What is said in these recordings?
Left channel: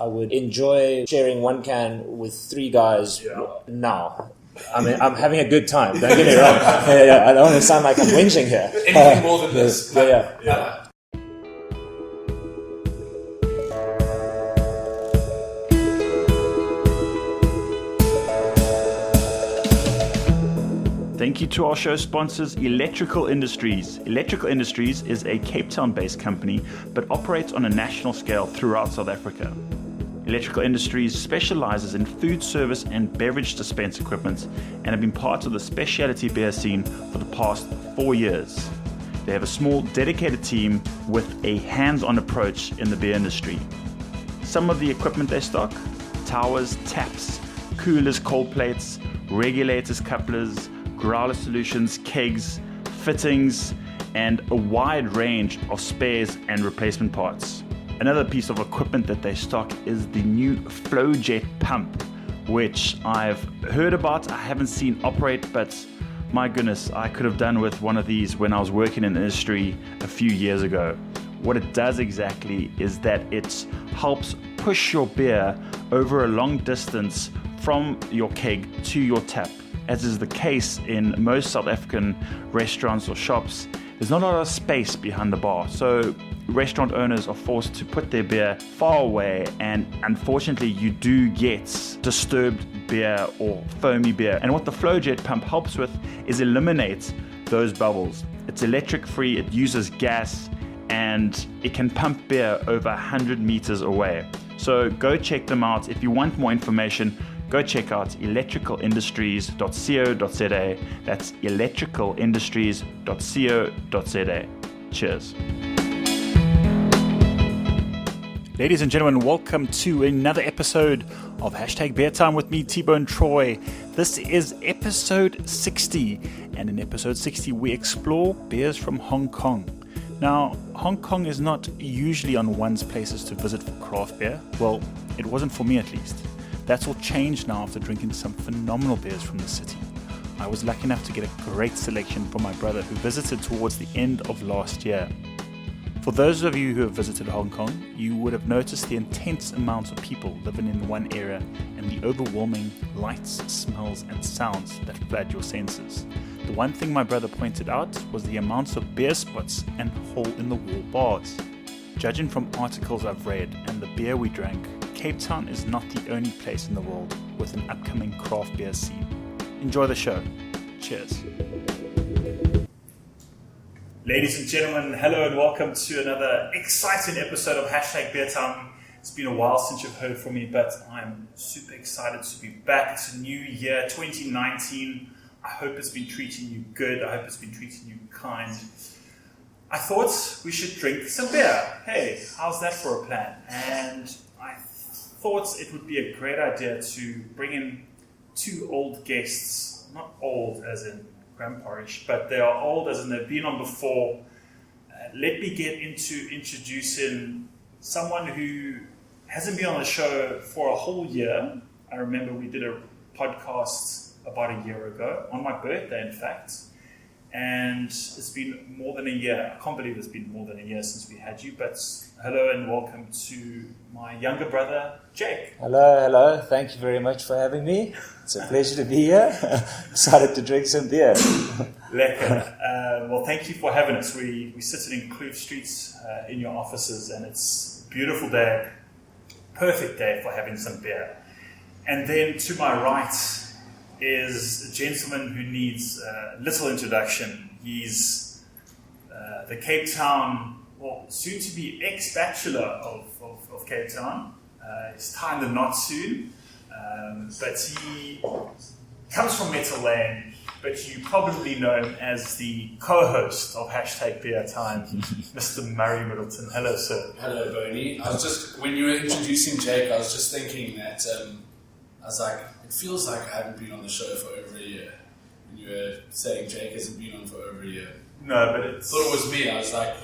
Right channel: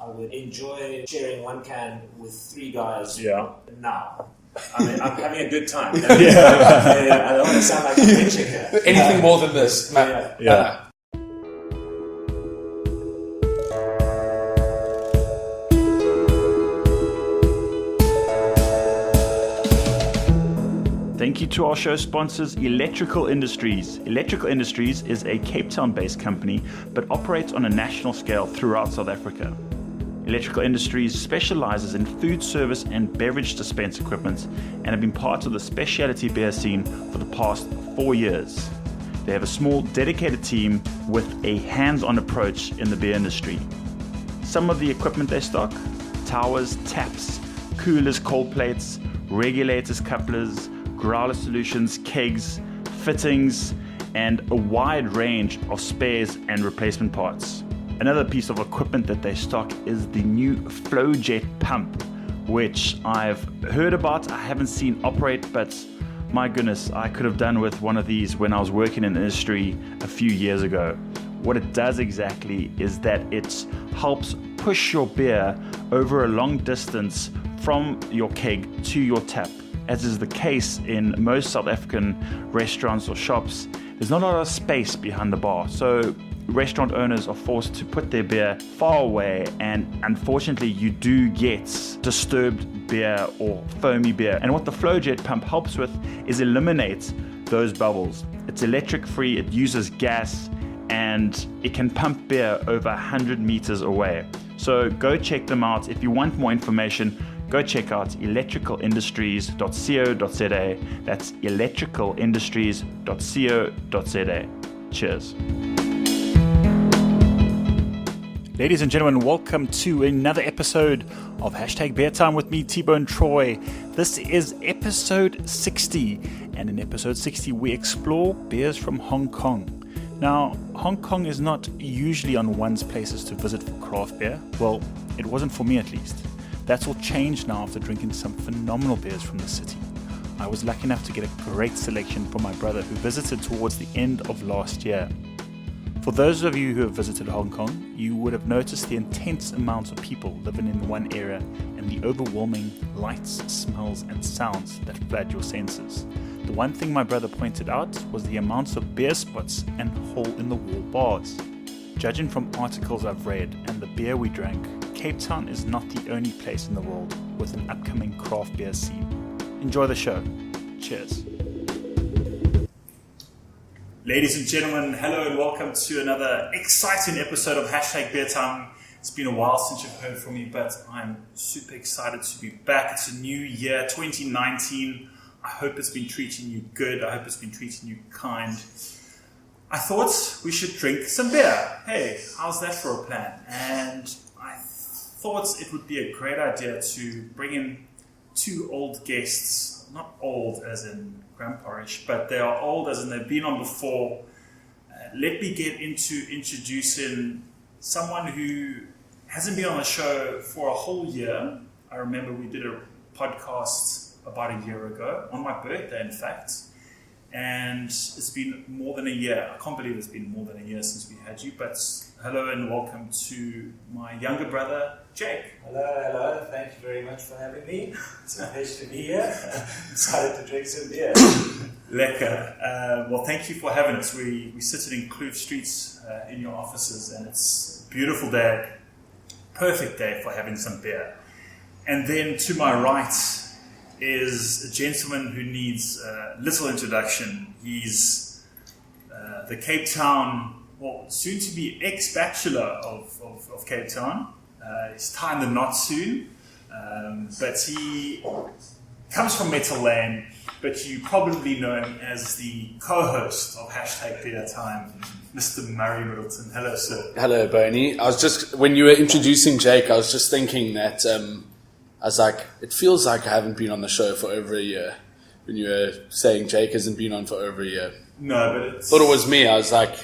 I would enjoy sharing one can with 3 guys now. I mean, I'm having a good time. I don't want to sound like I'm whinging here. Anything more than this. Yeah. Thank you to our show sponsors, Electrical Industries. Electrical Industries is a Cape Town-based company, but operates on a national scale throughout South Africa. Electrical Industries specializes in food service and beverage dispense equipment and have been part of the specialty beer scene for the past 4 years. They have a small, dedicated team with a hands-on approach in the beer industry. Some of the equipment they stock: towers, taps, coolers, cold plates, regulators, couplers, growler solutions, kegs, fittings, and a wide range of spares and replacement parts. Another piece of equipment that they stock is the new FlowJet pump, which I've heard about. I haven't seen operate, but my goodness, I could have done with one of these when I was working in the industry a few years ago. What it does exactly is that it helps push your beer over a long distance from your keg to your tap. As is the case in most South African restaurants or shops, there's not a lot of space behind the bar. So restaurant owners are forced to put their beer far away, and unfortunately you do get disturbed beer or foamy beer. And what the FlowJet pump helps with is eliminate those bubbles. It's electric free, it uses gas, and it can pump beer over 100 meters away. So go check them out. If you want more information, go check out electricalindustries.co.za. That's electricalindustries.co.za. Cheers. Ladies and gentlemen, welcome to another episode of Hashtag Beer Time with me, T-Bone Troy. This is episode 60, and in episode 60 we explore beers from Hong Kong. Now, Hong Kong is not usually on one's places to visit for craft beer. Well, it wasn't for me at least. That's all changed now after drinking some phenomenal beers from the city. I was lucky enough to get a great selection from my brother who visited towards the end of last year. For those of you who have visited Hong Kong, you would have noticed the intense amounts of people living in one area and the overwhelming lights, smells and sounds that flood your senses. The one thing my brother pointed out was the amounts of beer spots and hole-in-the-wall bars. Judging from articles I've read and the beer we drank, Cape Town is not the only place in the world with an upcoming craft beer scene. Enjoy the show. Cheers. Ladies and gentlemen, hello and welcome to another exciting episode of Hashtag Beer Time. It's been a while since you've heard from me, but I'm super excited to be back. It's a new year, 2019. I hope it's been treating you good. I hope it's been treating you kind. I thought we should drink some beer. Hey, how's that for a plan? And I thought it would be a great idea to bring in 2 old guests. Not old as in grandpa-ish, but they are old as in they've been on before. Let me get into introducing someone who hasn't been on the show for a whole year. I remember we did a podcast about a year ago, on my birthday in fact, and it's been more than a year. I can't believe it's been more than a year since we had you, but hello and welcome to my younger brother, Jake. Hello. Thank you very much for having me. It's a pleasure to be here. Excited to drink some beer. Lekker. Well, thank you for having us. We sit in Kloof Streets in your offices, and it's a beautiful day, perfect day for having some beer. And then to my right is a gentleman who needs little introduction. He's the Cape Town, well, soon to be ex-bachelor of Cape Town. He's tying the knot soon, but he comes from Metal Lane, but you probably know him as the co-host of Hashtag Beer Time, Mr. Murray Middleton. Hello, sir. Hello, Bernie. When you were introducing Jake, I was just thinking that I was like, it feels like I haven't been on the show for over a year. When you were saying Jake hasn't been on for over a year. No, but it's... thought it was me. I was like,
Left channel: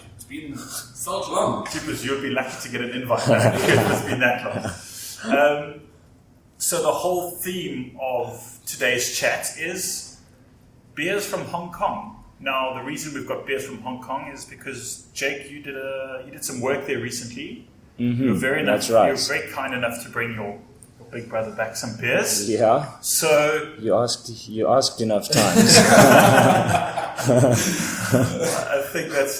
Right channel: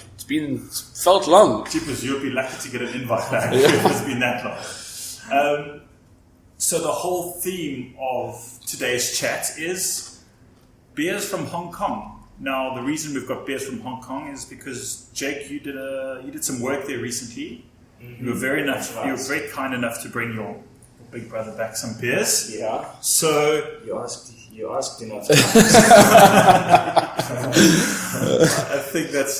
felt long. Jeepers, you'd be lucky to get an invite back if it's been that long. So the whole theme of today's chat is beers from Hong Kong. Now, the reason we've got beers from Hong Kong is because, Jake, you did some work there recently. You were very enough. That's right. You were very kind enough to bring your big brother back some beers. Yeah. So You asked enough times. I think that's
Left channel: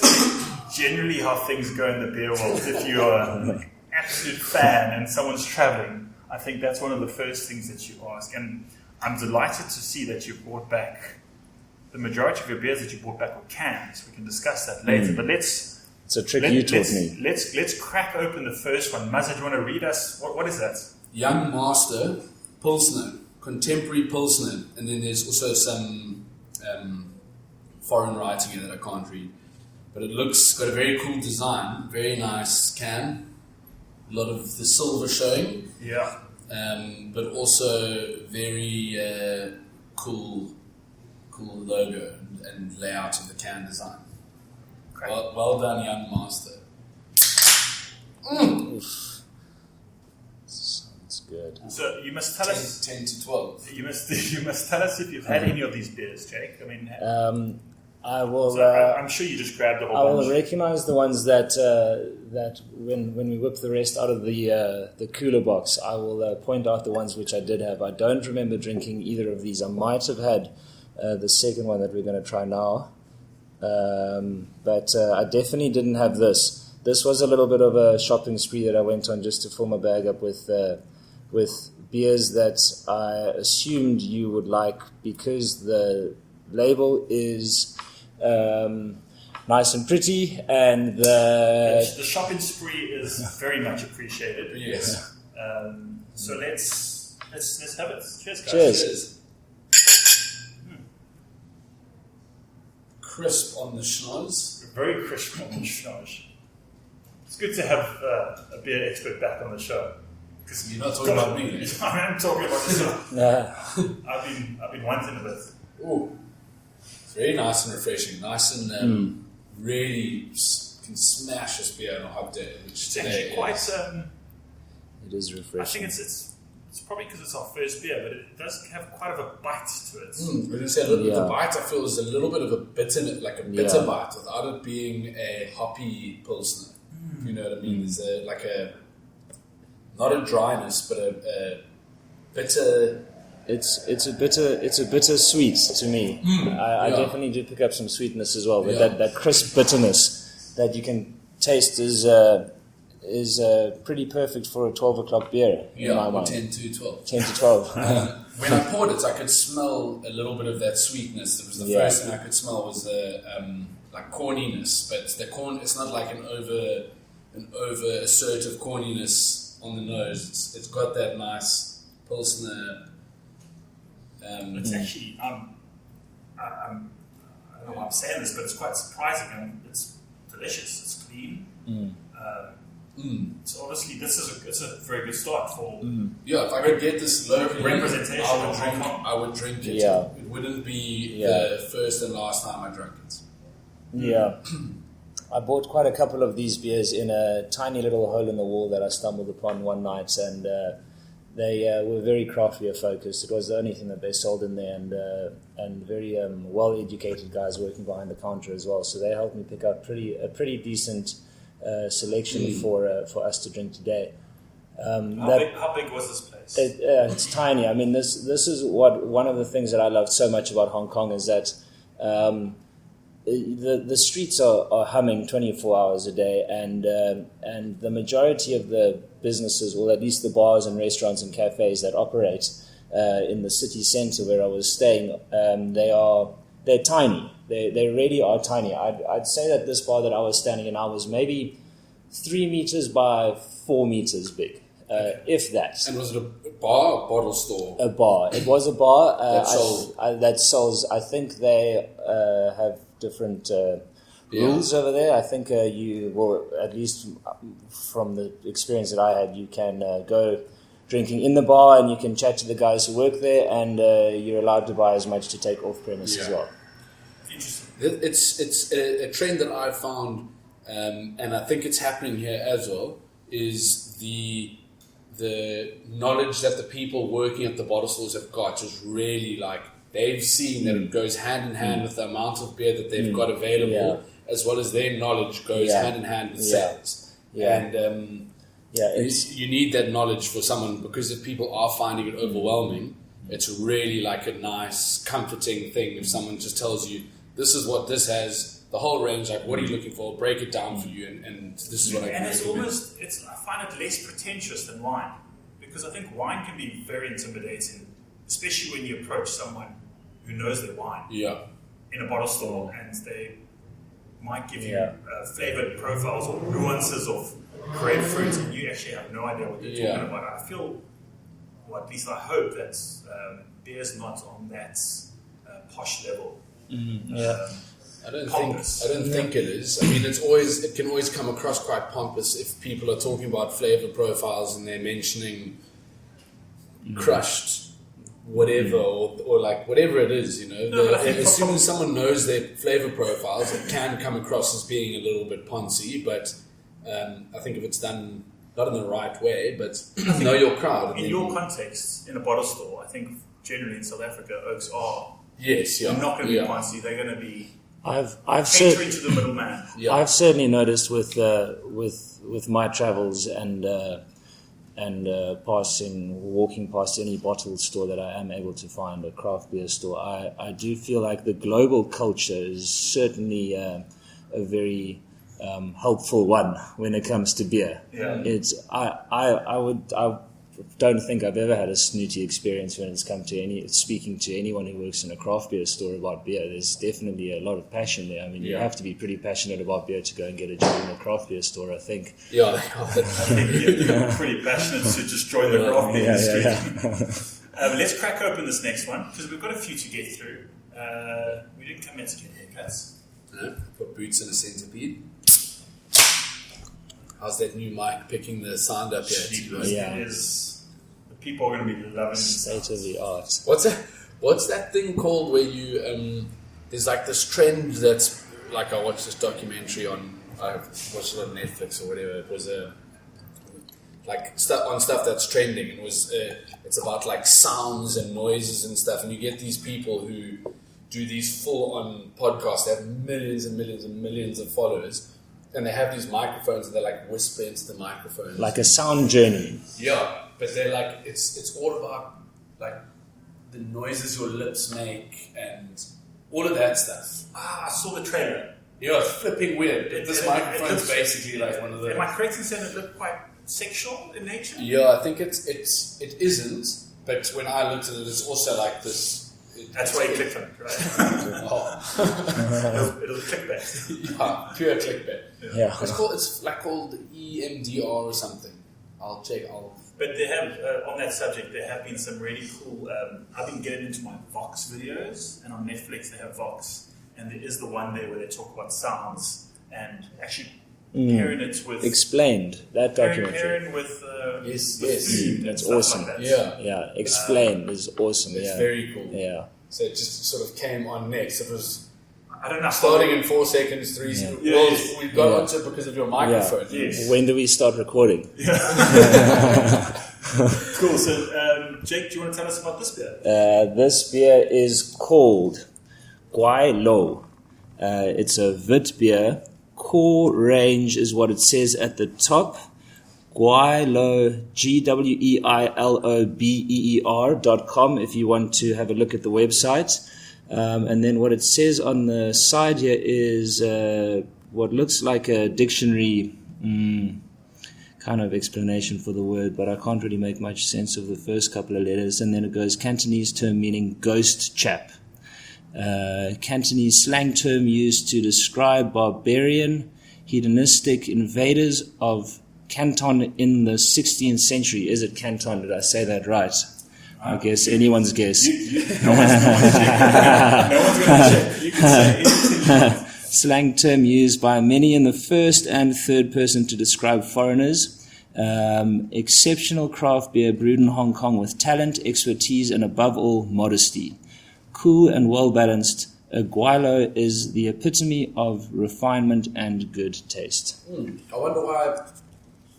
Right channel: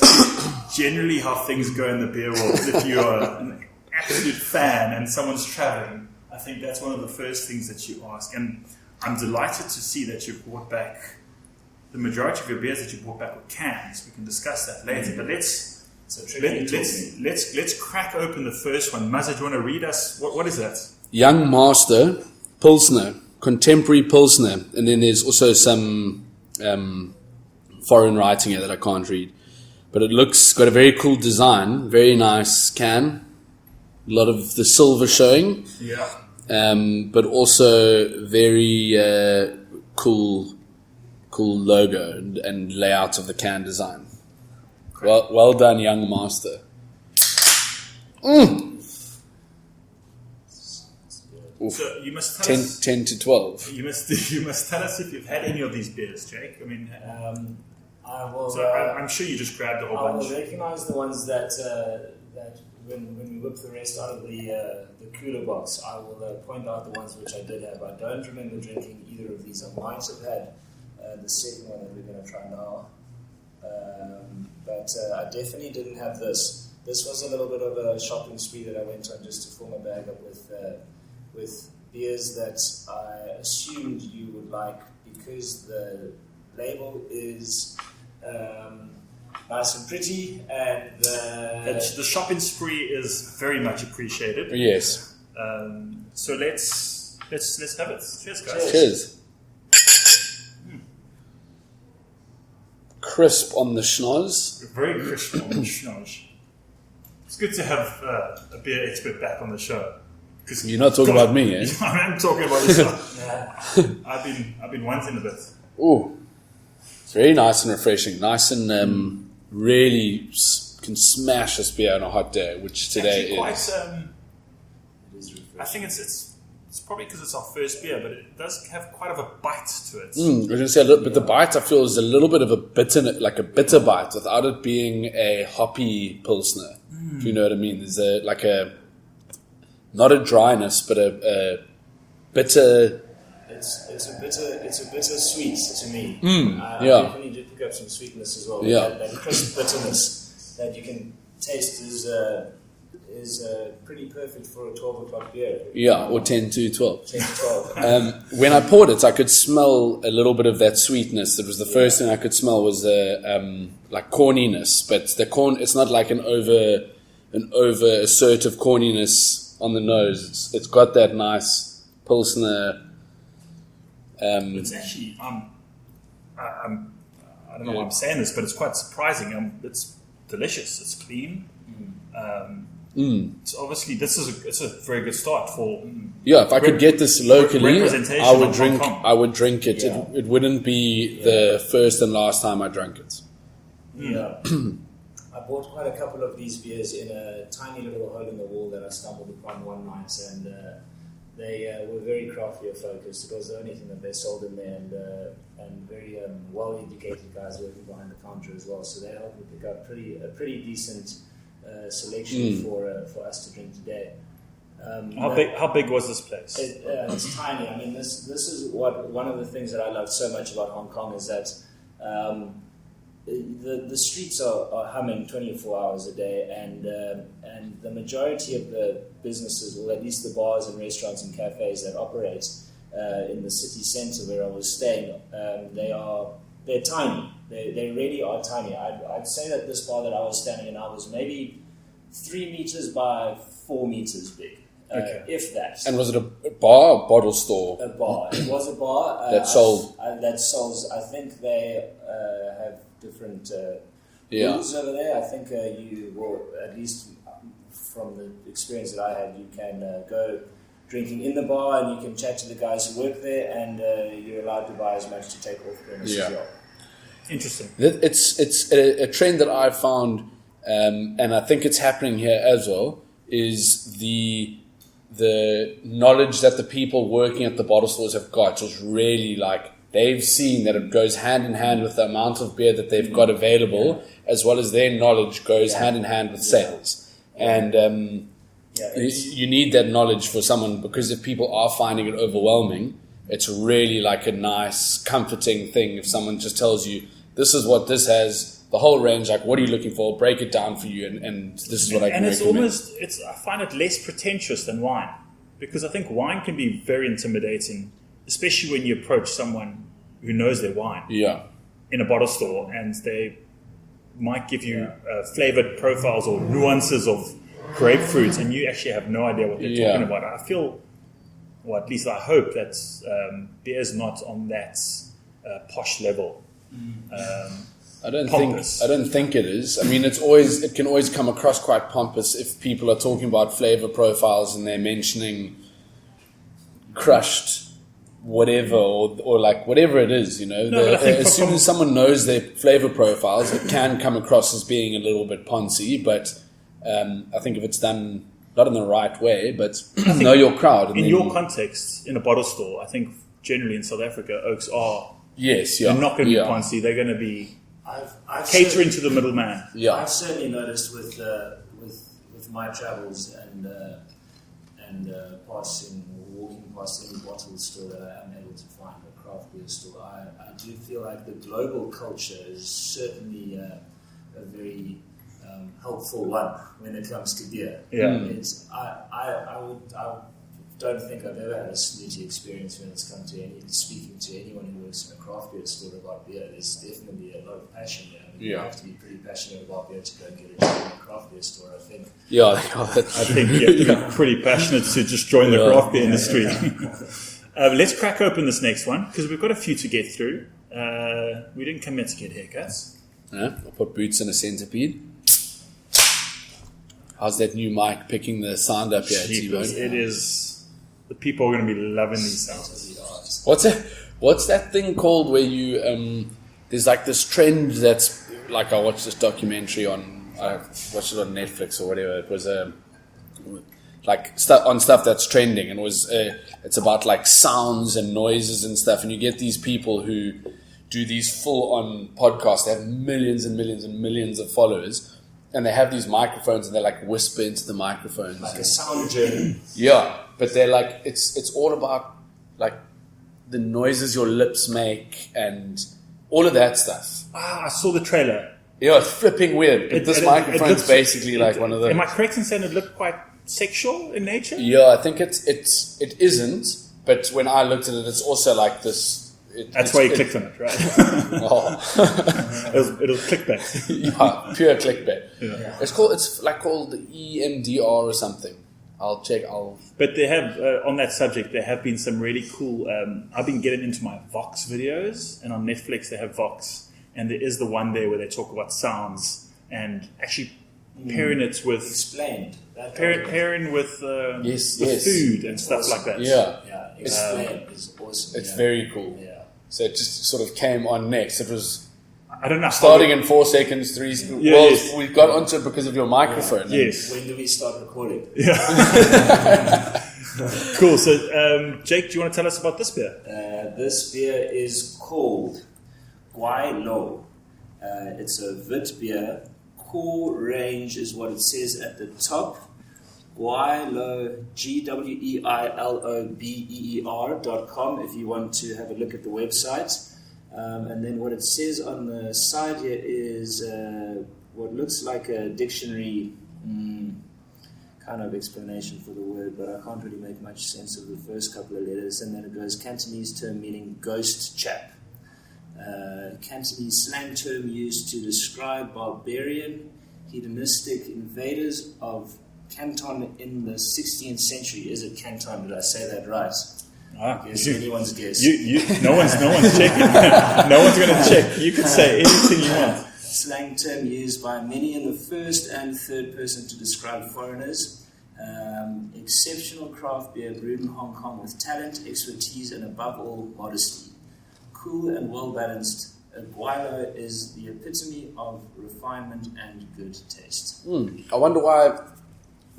generally how things go in the beer world. If you are an absolute fan and someone's traveling, I think that's one of the first things that you ask. And I'm delighted to see that you brought back the majority of your beers that you brought back were cans. We can discuss that later. But It's a trick you taught me. let's crack open the first one. Mazza, do you want to read us? What is that? Young Master Pilsner, contemporary Pilsner, and then there's also some foreign writing here that I can't read. But it looks got a very cool design, very nice can, a lot of the silver showing, Yeah. but also very cool logo and layout of the can design. Well done, Young Master. It's good. So you must tell 10, us. 10 to 12. You must tell us if you've had any of these beers, Jake. I mean, I will. so I'm sure you just grabbed a whole I will bunch. recognize the ones that when we whip the rest out of the cooler box, I will point out the ones which I did have. I don't remember drinking either of these. I might have had the second one that we're going to try now, but I definitely didn't have this. This was a little bit of a shopping spree that I went on just to fill my bag up with beers that I assumed you would like because the label is nice and pretty, and The shopping spree is very much appreciated. Yes. So let's have it. Cheers, guys. Cheers. Cheers. Crisp on the schnoz. Very crisp on the schnoz. It's good to have a beer expert back on the show. 'Cause You're not talking about me, eh? I'm talking about myself. Yeah. I've been wanting a bit. Ooh. It's very nice and refreshing. Nice and really can smash this beer on a hot day, which today Actually quite. is. It is refreshing. I think it's probably because it's our first beer, but it does have quite of a bite to it. I was going to say a little bit. The Yeah. bite I feel is a little bit of a bitter, like a bitter Yeah. bite, without it being a hoppy pilsner. If you know what I mean. There's not a dryness, but a bitter. It's a bitter sweet to me. I yeah. definitely do pick up some sweetness as well, but Yeah. that crisp bitterness that you can taste is pretty perfect for a 12 o'clock beer. in Yeah, my or mind. 10 to 12. 10 to 12. When I poured it, I could smell a little bit of that sweetness. It was the Yeah. first thing I could smell was the like corniness, but the corn. It's not like an over assertive corniness on the nose. It's got that nice pilsner. It's actually I don't know why I'm saying this, but it's quite surprising. It's delicious. It's clean. So obviously, it's a very good start for. Yeah, if I could get this locally, representation I would of drink. Hong Kong. I would drink it. Yeah. It wouldn't be the first and last time I drank it. Yeah. I bought quite a couple of these beers in a tiny little hole in the wall that I stumbled upon one night, and they were very craft beer focused. It was the only thing that they sold in there, and very well-educated guys working behind the counter as well. So they helped me pick out a pretty decent selection for us to drink today. How big was this place? It's tiny. I mean, this is one of the things that I loved so much about Hong Kong is that the streets are humming 24 hours a day, and the majority of the businesses, or at least the bars and restaurants and cafes that operate in the city centre where I was staying, they're tiny. They really are tiny. I'd say that this bar that I was standing in, I was maybe 3 meters by 4 meters big, if that. And was it a bar or bottle store? A bar. It was a bar That sold. that sells. I think they have different rules over there. I think you will, at least from the experience that I had, you can go drinking in the bar and you can chat to the guys who work there, and you're allowed to buy as much to take off premise as well. Interesting. It's a trend that I've found, and I think it's happening here as well, is the knowledge that the people working at the bottle stores have got is really like, they've seen that it goes hand in hand with the amount of beer that they've got available, as well as their knowledge goes hand in hand with sales. Yeah. And Yeah, You need that knowledge for someone, because if people are finding it overwhelming, it's really like a nice, comforting thing if someone just tells you, this is what this has, the whole range, like what are you looking for, break it down for you, and this is what I can recommend. I find it less pretentious than wine, because I think wine can be very intimidating, especially when you approach someone who knows their wine Yeah. in a bottle store, and they might give you flavored profiles or nuances of grapefruit, and you actually have no idea what they're talking about. I feel, or at least I hope, that beer is not on that posh level. I don't Pompous. think it is. I mean, it can always come across quite pompous if people are talking about flavor profiles and they're mentioning crushed whatever or like whatever it is, as soon as someone knows their flavor profiles, it can come across as being a little bit poncy, but I think if it's done not in the right way, but know your crowd. And In then, your context, in a bottle store, I think generally in South Africa, oaks are yes, yeah, not going to be fancy. They're going to be I've catering to the middleman. Yeah. I've certainly noticed with my travels and walking past any bottle store that I am able to find, a craft beer store, I do feel like the global culture is certainly a very helpful one when it comes to beer. Yeah. It's I don't think I've ever had a snooty experience when it's come to speaking to anyone who works in a craft beer store about beer. There's definitely a lot of passion there. I mean, you have to be pretty passionate about beer to go and get a job in a craft beer store, I think. Yeah, I think you have to be pretty passionate to just join the craft beer industry. Let's crack open this next one, because we've got a few to get through. We didn't come here to get haircuts. I'll put boots in a centipede. How's that new mic picking the sound up here, T-Bone? It is. The people are going to be loving these State of the art. What's that thing called where you there's like this trend that's like, I watched this documentary I watched it on Netflix or whatever. It was like stuff that's trending, and it's about like sounds and noises and stuff, and you get these people who do these full on podcasts. They have millions and millions and millions of followers, and they have these microphones and they like whisper into the microphones, Like a sound journey. yeah. But they're like, it's all about like the noises your lips make and all of that stuff. I saw the trailer. Yeah, it's flipping weird. But this microphone's looks, basically like one of the. Am I correct in saying it looked quite sexual in nature? Yeah, I think it isn't. But when I looked at it, it's also like this. That's why you clicked on it, right? Oh. it was clickbait. Yeah, pure clickbait. Yeah. It's called EMDR or something. I'll check. But they have, on that subject, there have been some really cool. I've been getting into my Vox videos, and on Netflix they have Vox, and there is the one there where they talk about sounds and actually pairing it with Explained. That documentary. pairing with Yes. food and That's stuff awesome. like that. Yeah, Yeah, Explained is awesome. it's yeah. very cool. Yeah. So it just sort of came on next. It was I don't know. starting in 4 seconds, 3 seconds. Yeah, Well, yes. we got onto it because of your microphone. Yes. When do we start recording? Cool. So, Jake, do you want to tell us about this beer? This beer is called Gwai Lo. It's a Wit beer. Core range is what it says at the top. Gwai Lo, GWEILOBEER.com if you want to have a look at the website. And then what it says on the side here is what looks like a dictionary kind of explanation for the word, but I can't really make much sense of the first couple of letters. And then it goes Cantonese term meaning ghost chap. Cantonese slang term used to describe barbarian, hedonistic invaders of Canton in the 16th century. Is it Canton? Did I say that right? I guess anyone's guess. No one's checking. No one's going to check. You can say anything you want. Slang term used by many in the first and third person to describe foreigners. Exceptional craft beer brewed in Hong Kong with talent, expertise, and above all, modesty. Cool and well balanced, a Gwai Lo is the epitome of refinement and good taste. I wonder why.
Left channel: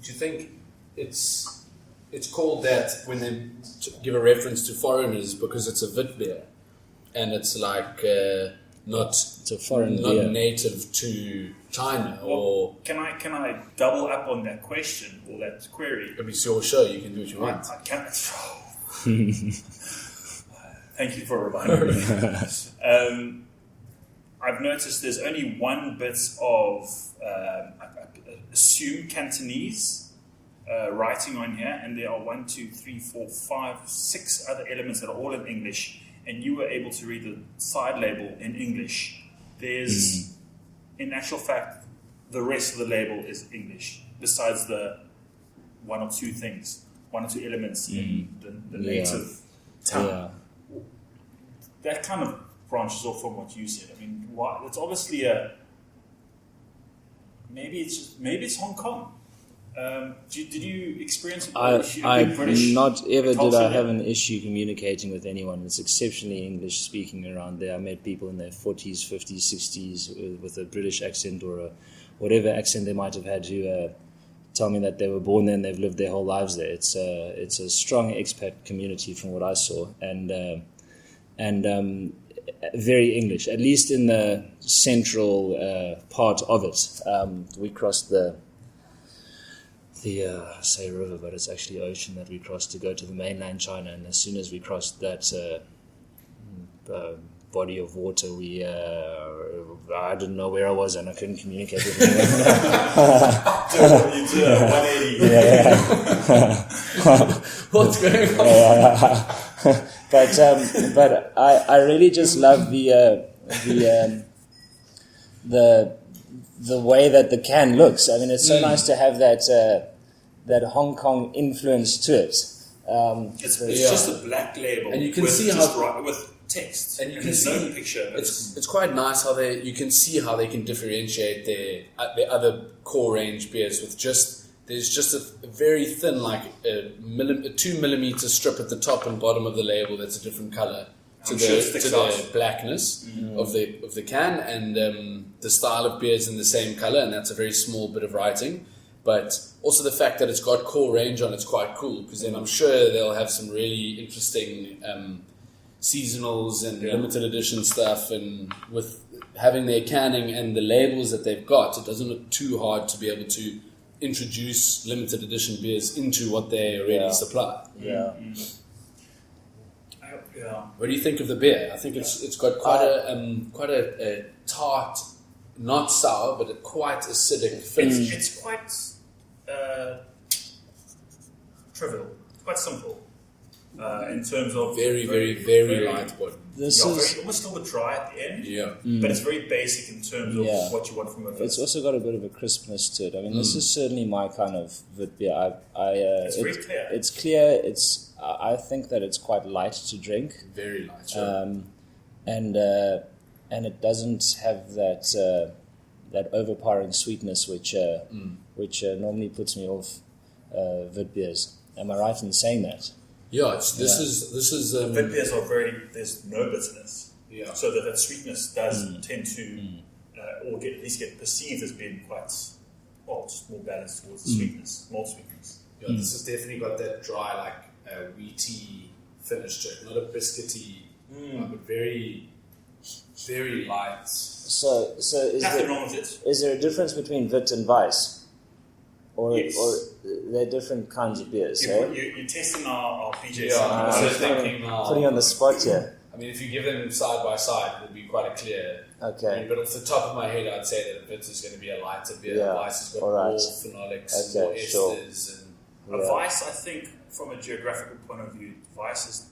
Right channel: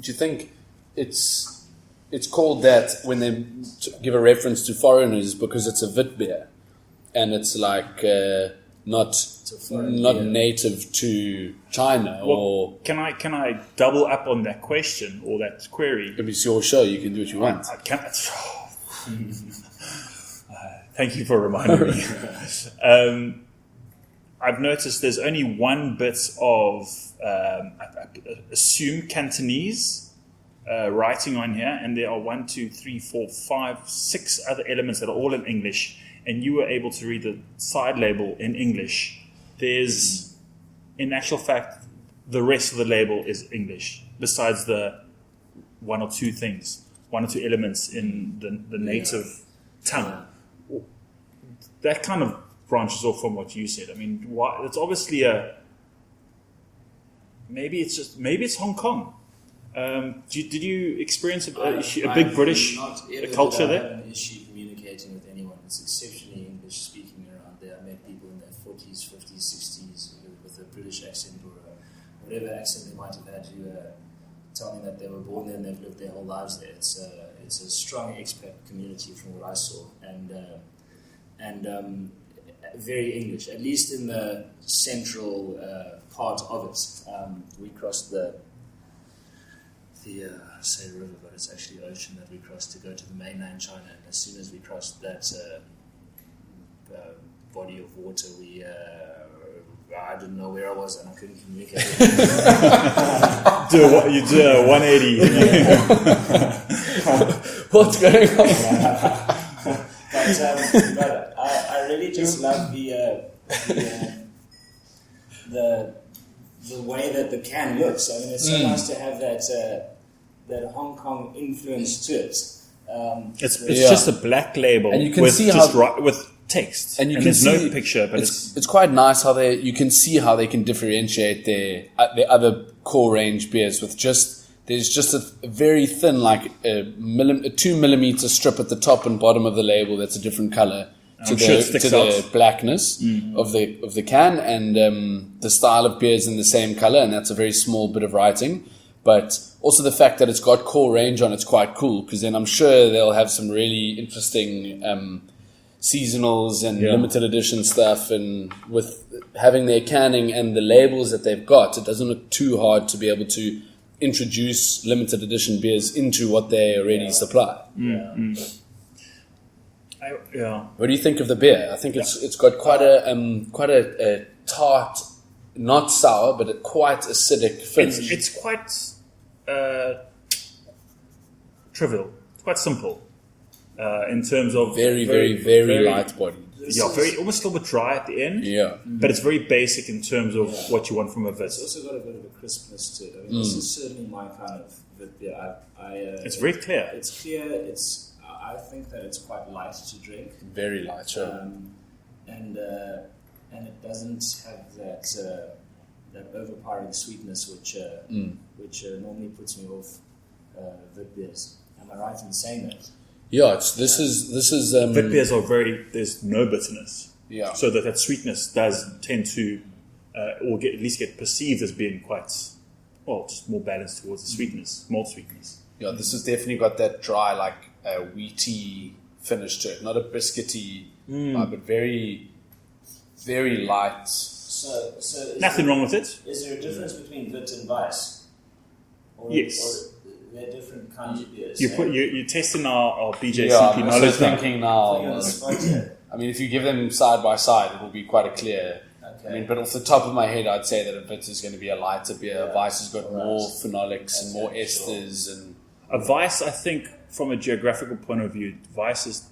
Do you think it's called that when they give a reference to foreigners because it's a Wit beer, and it's like not It's a foreign not beer. native to China or. Can I double up on that question or that query? If it's your show, you can do what you want. I can't. Thank you for reminding me. I've noticed there's only one bit of assume Cantonese writing on here, and there are 1, 2, 3, 4, 5, 6 other elements that are all in English, and you were able to read the side label in English. There's, in actual fact, the rest of the label is English, besides the 1 or 2 things, 1 or 2 elements in the native tongue. Yeah. That kind of branches off from what you said. I mean, why, it's obviously maybe it's Hong Kong. Did you experience a big British not ever did culture I there? have an issue communicating with anyone. It's exceptionally English speaking around there. I met people in their 40s, 50s, 60s with a British accent or whatever accent they might have had who tell me that they were born there and they've lived their whole lives there. It's a strong expat community from what I saw, and very English, at least in the central part of it. We crossed the say river, but it's actually ocean that we crossed to go to the mainland China. And as soon as we crossed that body of water, I didn't know where I was and I couldn't communicate with anyone. You did a 180. What's going on? But I really just love the way that the can looks. I mean, it's so nice to have that Hong Kong influence to it. It's Yeah. just a black label, And you can with see just how- with text, And you can there's see no picture, but it's quite nice how you can see how they can differentiate their other core range beers with there's just a very thin, like a 2 millimeter strip at the top and bottom of the label that's a different color to I'm sure it sticks the out. blackness of the can, and the style of beer is in the same color, and that's a very small bit of writing. But also the fact that it's got core range on it's quite cool, because then I'm sure they'll have some really interesting seasonals and limited edition stuff, and with having their canning and the labels that they've got, it doesn't look too hard to be able to introduce limited edition beers into what they already supply. Yeah. What do you think of the beer? I think it's got quite a tart, not sour, but a quite acidic finish. it's quite trivial. It's quite simple in terms of very light body. almost a little bit dry at the end. Yeah. But it's very basic in terms of Yeah. what you want from a It's Wits. also got a bit of a crispness to it. I mean, this is certainly my kind of Wit beer. It's very clear. It's clear. I think that it's quite light to drink, Very light, sure. and it doesn't have that overpowering sweetness which normally puts me off Wit beers. Am I right in saying that? Yeah, this is Wit beers are there's no bitterness. Yeah. So that sweetness does tend to, or at least get perceived as being quite, just more balanced towards the sweetness, more sweetness. Yeah, this has definitely got that dry, like wheaty finish to it. Not a biscuity, but very, very light. So is Nothing wrong with it. Is there a difference between Wit and Weiss? Yes. Or they're different kinds of beers. You're testing our BJCP Yeah, I'm knowledge also now. thinking Putting on now. the spot here. I mean, if you give them side by side, it will be quite a clear. Okay. I mean, but off the top of my head, I'd say that a Wit is going to be a lighter beer. Yeah. Weiss has got All right. more phenolics and Okay, more sure. esters and. A Weiss, I think, from a geographical point of view, Weisses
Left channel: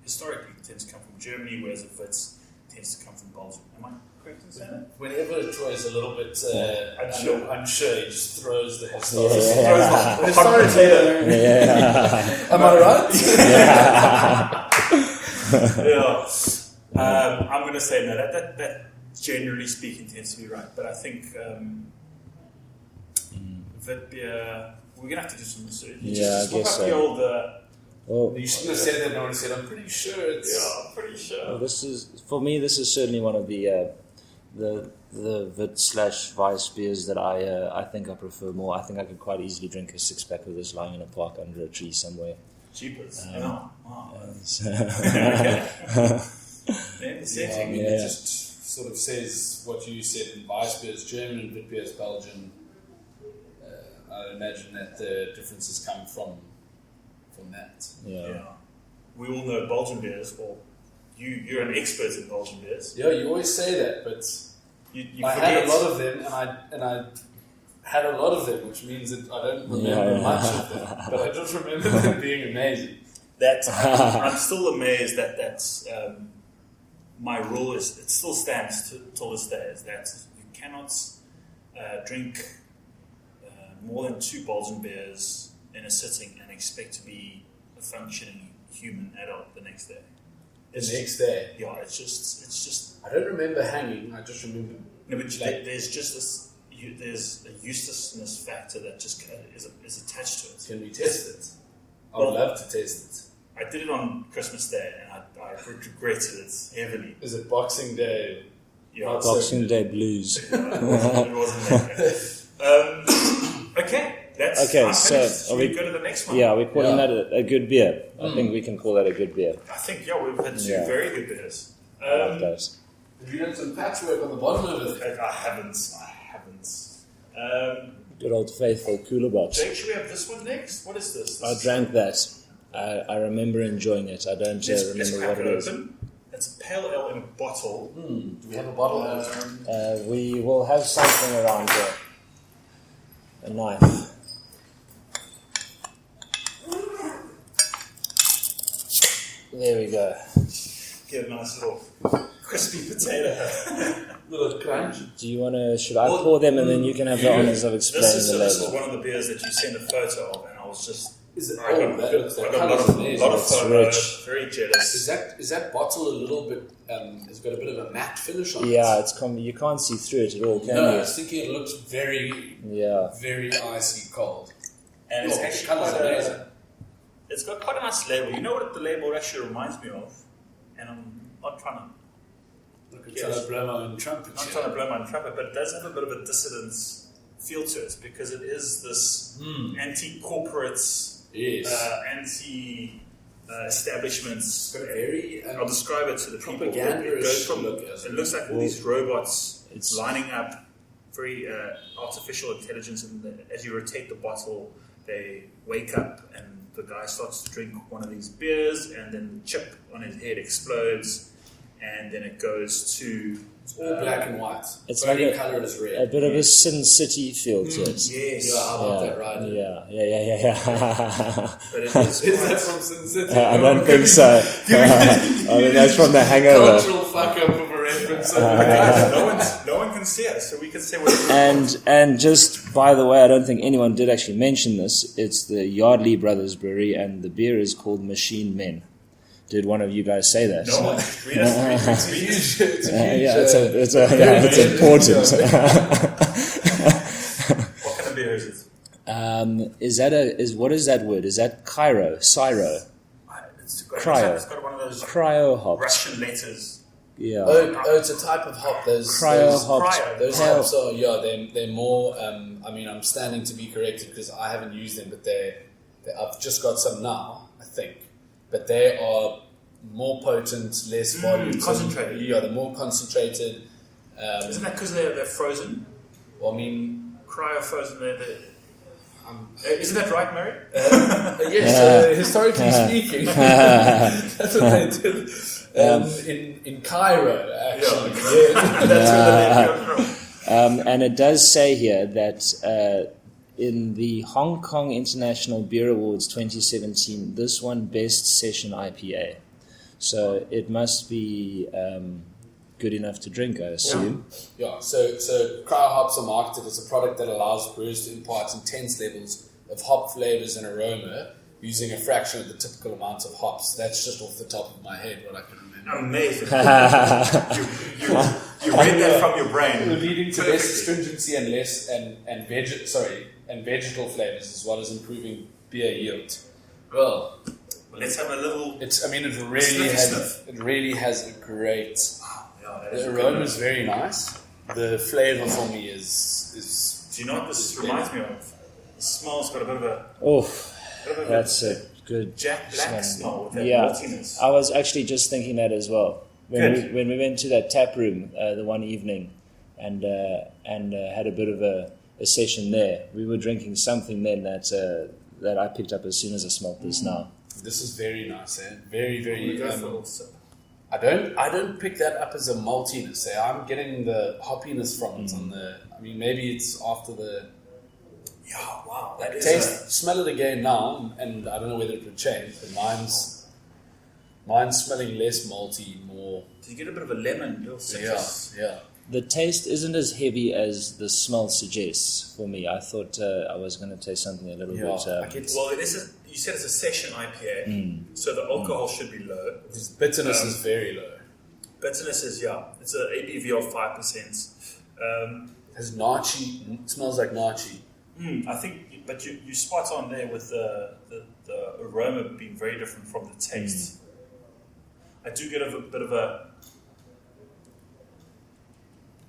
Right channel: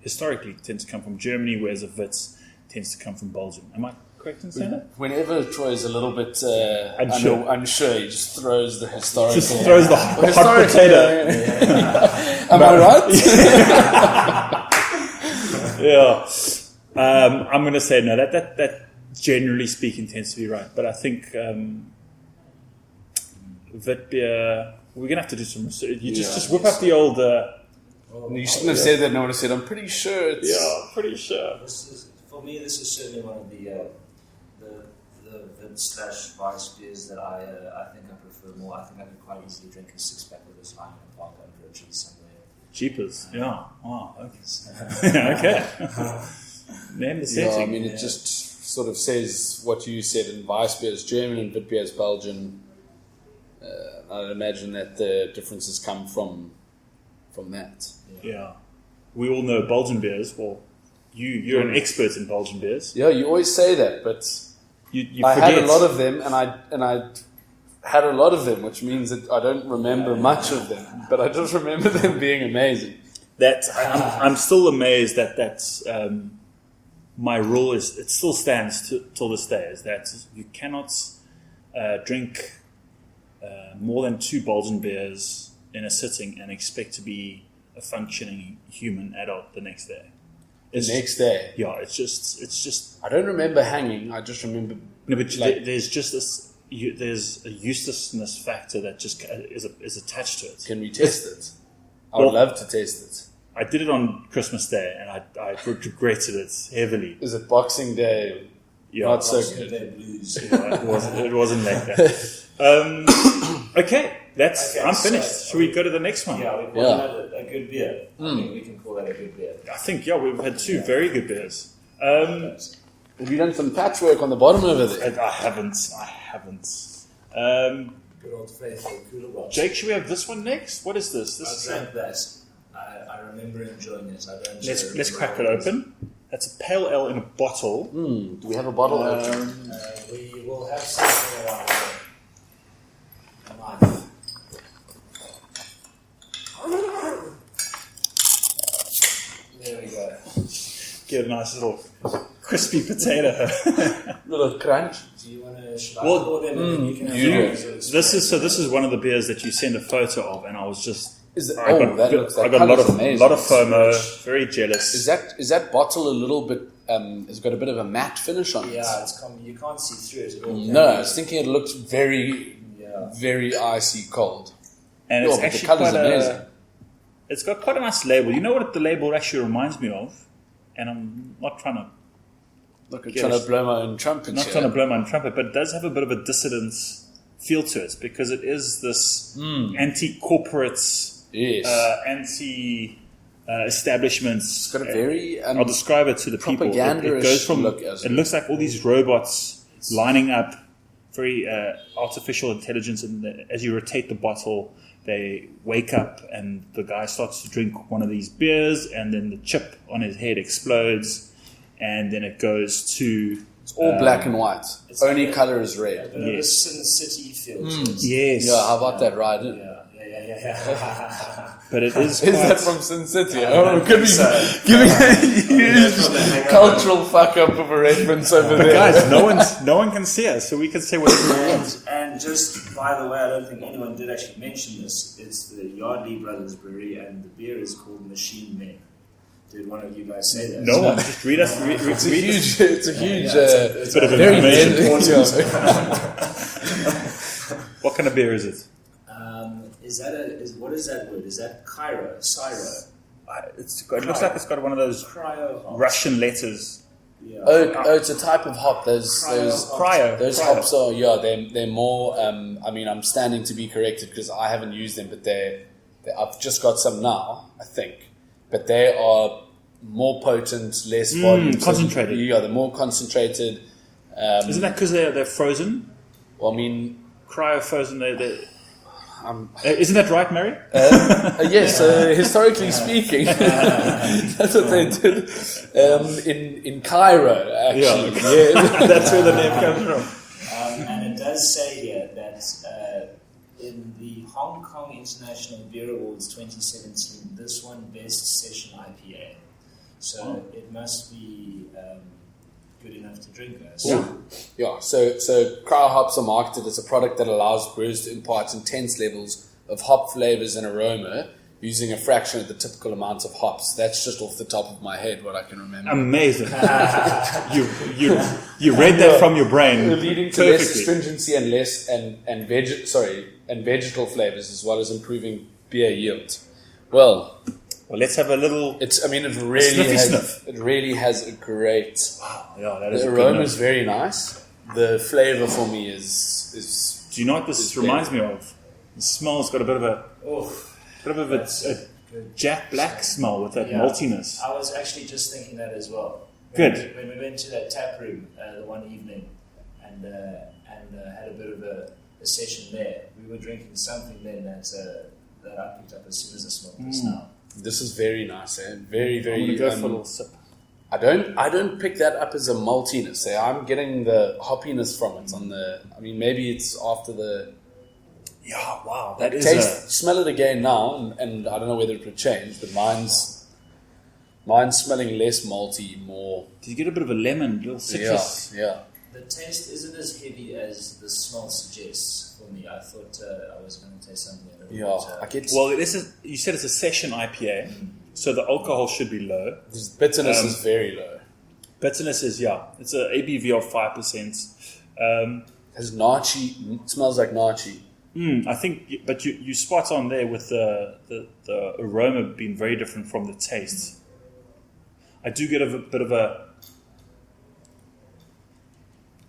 historically tend to come from Germany, whereas a Wits tends to come from Belgium. Am I correct in saying that? Whenever Troy is a little bit Unsure. unsure, he just throws the historical. Just throws the Historically, am I right? Yeah. I'm going to say no. That generally speaking tends to be right, but I think that we're going to have to do some research. You just I whip guess up the so. old. Well, You shouldn't have said that. No one said. I'm pretty sure it's. Yeah, pretty sure. this is for me. This is certainly one of the Wit/Weiss beers that I think I prefer more. I think I could quite easily drink a 6-pack of this lying in a park under a tree somewhere. Cheapers. Yeah. Wow. So- Okay. Name the Yeah, I setting. mean, it just sort of says what you said. In Weissbier is German and Witbier is Belgian. I'd imagine that the differences come from that. Yeah. We all know Belgian beers. Well, you're an expert in Belgian beers. Yeah, you always say that, but You I had a forget. lot of them, and I had a lot of them, which means that I don't remember much of them, but I just remember them being amazing. I'm still amazed that that's my rule is it still stands till this day is that you cannot drink more than 2 Belgian beers in a sitting and expect to be a functioning human adult the next day. The next day, Yeah, it's just. I don't remember hanging. I just remember. No, but Like- there's just this. There's a uselessness factor that just is attached to it. Can we test it? I would Well- love to test it. I did it on Christmas Day and I regretted it heavily. Is it Boxing Day? Yeah, Not so Boxing good. Day blues. it wasn't like that. Okay, I'm so finished. Should we go to the next one? Yeah, we're calling that a good beer. I think we can call that a good beer. I think we've had 2 Yeah. very good beers. Those. Have you done some patchwork on the bottom over there? I haven't. Good old faithful cooler box. Jake, should we have this one next? What is this? I drank that. I remember enjoying it. I don't Let's remember crack what it it was. open. That's a pale ale in a bottle. Do we have a bottle open? We will have something around here. A knife. There we go. Get a nice little crispy potato. Little crunch. Do you want to? Should I Well, pour them and then you can have the honors of explaining This the is label? one of the beers that you send a photo of, and I was just. Is it? I Oh, got- that looks. That I got a lot colour's of amazing. lot of It's FOMO. rich. Very jealous. Is that bottle a little bit? Has got a bit of a matte finish on it. Yeah, you can't see through it at all. Can No, you? I was thinking it looks very, Yeah. very icy cold. And Yeah, it's but the actually colour's quite amazing. It's got quite a nice label. You know what the label actually reminds me of? And I'm not trying to Look, I'm Yes. trying to blow my own trumpet. not here. trying to blow my own trumpet, but it does have a bit of a dissident feel to it because it is this anti-corporate, Yes. anti-establishment. It's got a very I'll describe it to the people. propaganda-ish It goes from look as it well. looks like all these robots lining up, very artificial intelligence, and as you rotate the bottle, they wake up, and the guy starts to drink one of these beers, and then the chip on his head explodes, and then it goes to It's all black and white. it's Only like a- color is A red. bit of a Sin City feel to it. yes, Yeah, how about that ride? Yeah. but it is. Is quite- that from Sin City? I don't could think be so. giving that's from The Hangover. cultural fuck up of a reference over there. Guys, no one can see us, so we can say what. And just by the way, I don't think anyone did actually mention this. It's the Yardley Brothers Brewery, and the beer is called Machine Men. Did one of you guys say that? No one. Just read us. It's a huge, it's a huge, it's a very very important. What kind of beer is it? What is that word? Is that Cairo? Syro? It looks like Cryo. it's got one of those Cryo hop. Russian letters. Yeah. Oh, it's a type of hop. Those Cryo those hops. hops are they're more. I mean, I'm standing to be corrected because I haven't used them, but I've just got some now, I think. But they are more potent, less volume, concentrated. Yeah, they're more concentrated. Isn't that because they're frozen? Well, I mean, Cryo frozen. Isn't that right, Mary? yes, historically speaking, that's what they did in Cairo, actually. Yeah. That's where the name comes from. And it does say here that in the Hong Kong International Beer Awards 2017, this won Best Session IPA. So it must be good enough to drink, I assume. Yeah, so cryo hops are marketed as a product that allows brewers to impart intense levels of hop flavors and aroma using a fraction of the typical amount of hops. That's just off the top of my head what I can remember. Amazing. you read that from your brain. Leading to less Perfectly. astringency and less and vegetal flavors, as well as improving beer yield. Well, let's have a little. it Sniff. really has a great. Yeah, that is The a good aroma one. is very nice. The flavor for me is Do you know what this is reminds me of? The smell's got a bit of a That's a good. Jack Black smell with that Yeah. maltiness. I was actually just thinking that as well. when we went to that tap room the one evening and had a bit of a session there, we were drinking something then that I picked up as soon as I smelled this now. This is very nice, eh? Very, very. Go for a little sip. I don't pick that up as a maltiness. Eh? I'm getting the hoppiness from it. Maybe it's after the Yeah, wow. like, smell it again now, and I don't know whether it would change, but mine's smelling less malty, more. Did you get a bit of a lemon, little citrus? Yeah. The taste isn't as heavy as the smell suggests for me. I thought I was going to taste something a little bit. I get. Well, you said it's a session IPA, so the alcohol should be low. This bitterness is very low. Bitterness is, it's an ABV of 5%. Has nachi, it smells like nachi. I think, but you spot on there with the aroma being very different from the taste. I do get a bit of a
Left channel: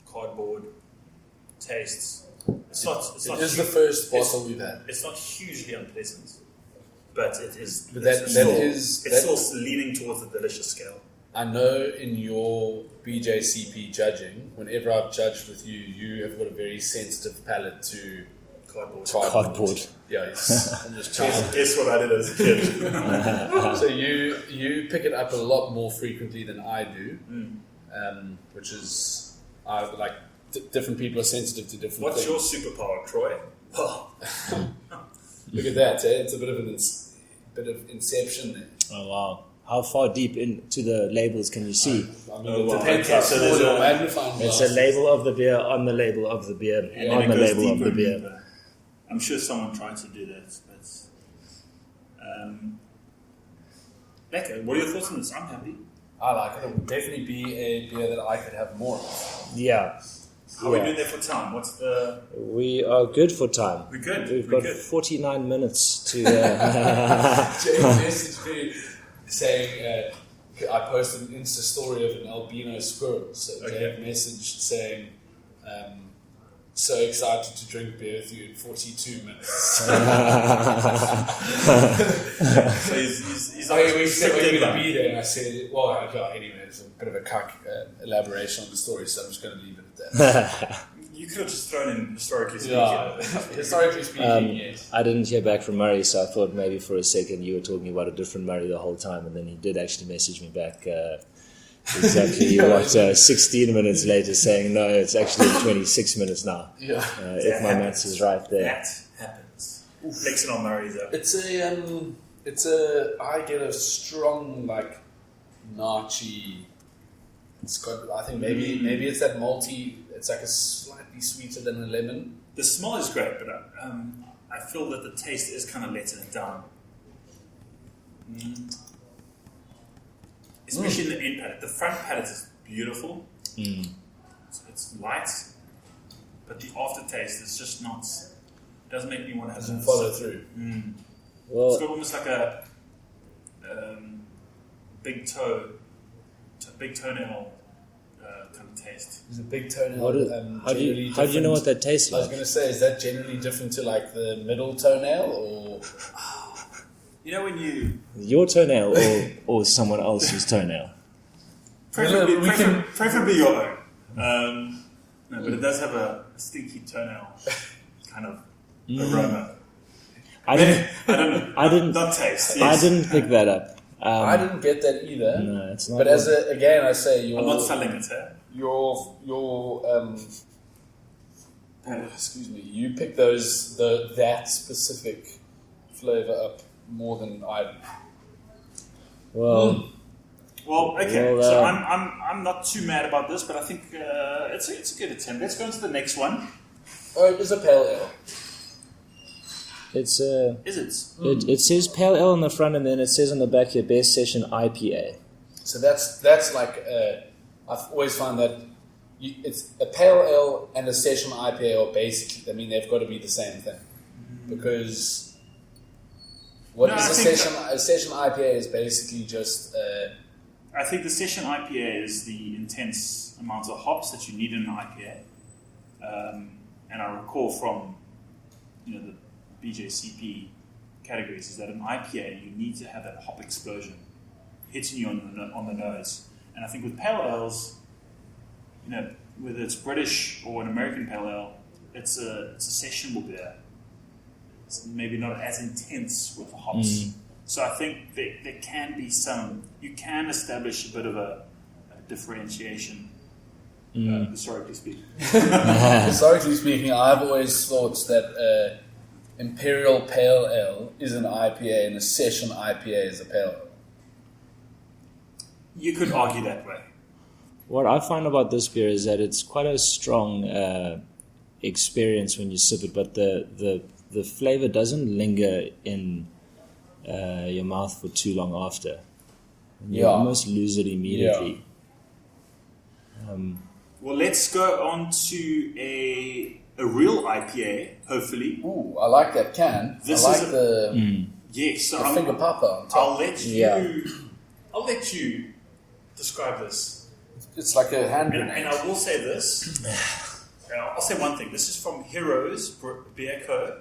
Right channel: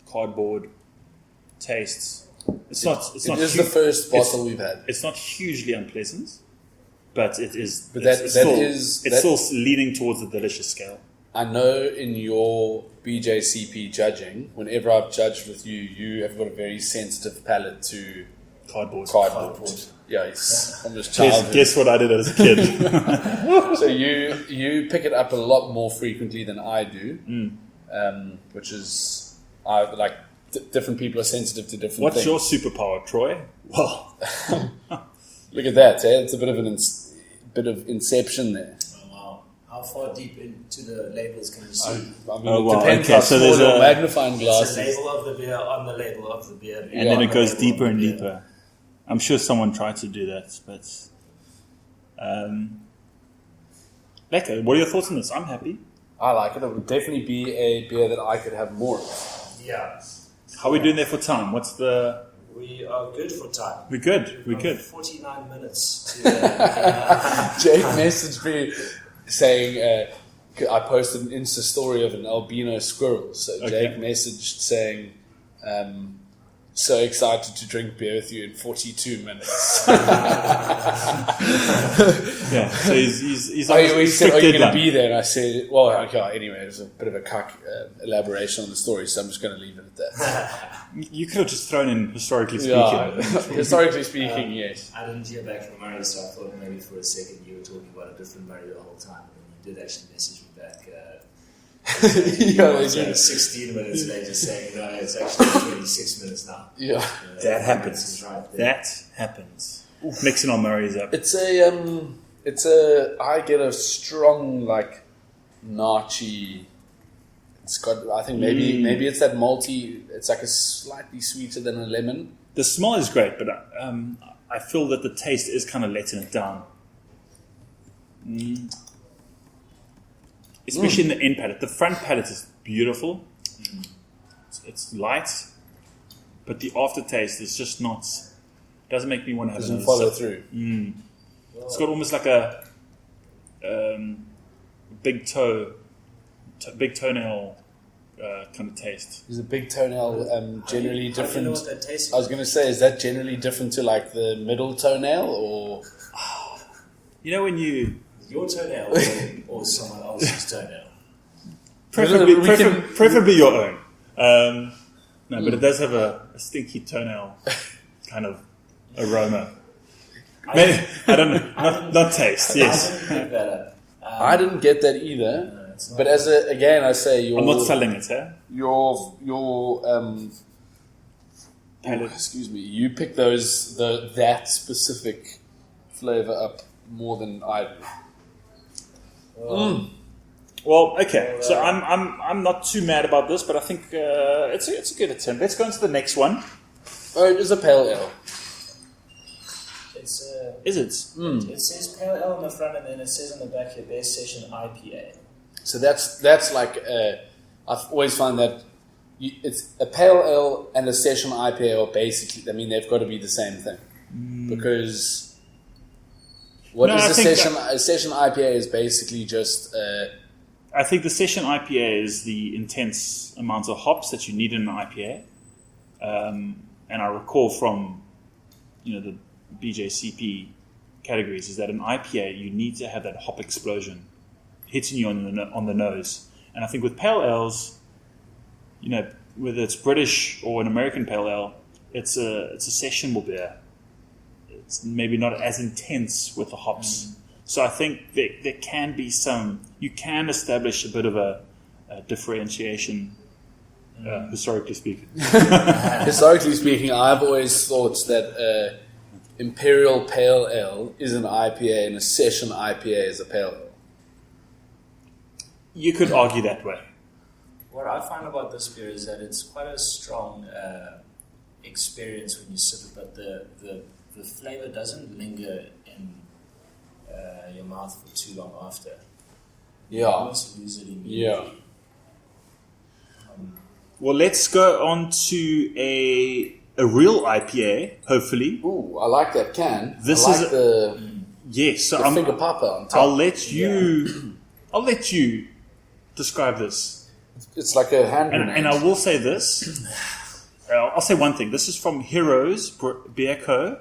cardboard taste. It is the first bottle we've had. It's not hugely unpleasant, but it is. But it's still leaning towards the delicious scale. I know in your BJCP judging, whenever I've judged with you, you have got a very sensitive palate to cardboard. Yeah, it's from this childhood. Guess what I did as a kid? So you pick it up a lot more frequently than I do, which is different people are sensitive to different things. What's your superpower, Troy? Well, look at that. Eh? It's a bit of bit of inception there. Oh wow! How far deep into the labels can you see? It depends how small your magnifying glass is. is. It's a label of the beer on the label of the beer, and Yeah, on it the goes label deeper of the and beer. deeper. I'm sure someone tried to do that, but Becca, what are your thoughts on this? I'm happy. I like it. It would definitely be a beer that I could have more of. Yeah. How are we doing there for time? We are good for time. We're good. We've We're got good. 49 minutes to. Jake messaged me saying, I posted an Insta story of an albino squirrel. So Jake messaged saying, so excited to drink beer with you in 42 minutes. So he's He said, are you going to be there? And I said, well, okay, anyway, it's a bit of a cock elaboration on the story, so I'm just going to leave it at that. You could have just thrown in historically speaking. Yeah, historically speaking, yes. I didn't hear back from Murray, so I thought maybe for a second you were talking about a different Murray the whole time, and then he did actually message me back. Exactly 16 minutes later saying no, it's actually 26 minutes now. Yeah, if my maths is right there. That happens. Mixing our Murrays up. I get a strong nachi. It's got, I think maybe it's that malty. It's like a slightly sweeter than a lemon. The smell is great, but I feel that the taste is kind of letting it down. Especially in the end palate. The front palate is beautiful. It's light, but the aftertaste is just not. Doesn't make me want to have. Doesn't follow through. Well, it's got almost like a big toenail kind of taste. Is a big toenail generally different? How do you know what that tastes like? I was going to say, is that generally different to like the middle toenail, or? You know when you... Your toenail or someone else's toenail? Preferably your own. No, but it does have a stinky toenail kind of aroma. I don't know. Not taste. Yes. I didn't pick that up. I didn't get that either. No, it's not. But again, I say I'm not selling it, eh? excuse me. You pick that specific flavor up more than I do. Well, okay. So I'm not too mad about this, but I think it's a good attempt. Let's go into the next one. Oh, it is a pale ale. Is it? It says pale ale on the front, and then it says on the back here, best session IPA. So that's like I've always found that it's a pale ale and a session IPA are basically. I mean, they've got to be the same thing because a session IPA is basically just. I think the session IPA is the intense amount of hops that you need in an IPA, and I recall from the BJCP categories is that an IPA you need to have that hop explosion hitting you on the nose, And I think with pale ales, you know, whether it's British or an American pale ale, it's a sessionable beer. It's maybe not as intense with the hops. So I think there can be you can establish a bit of a differentiation, historically speaking. Historically speaking, I've always thought that Imperial Pale Ale is an IPA and a Session IPA is a Pale Ale. You could argue that way. What I find about this beer is that it's quite a strong experience when you sip it, but the flavor doesn't linger in your mouth for too long after. You almost lose it immediately. Well, let's go on to a real IPA, hopefully. Ooh, I like that can. This I like is the Yes, so finger popper on top. I'll let you describe this. It's like a hand grenade. And I will say this. I'll say one thing. This is from Heroes Beer Co.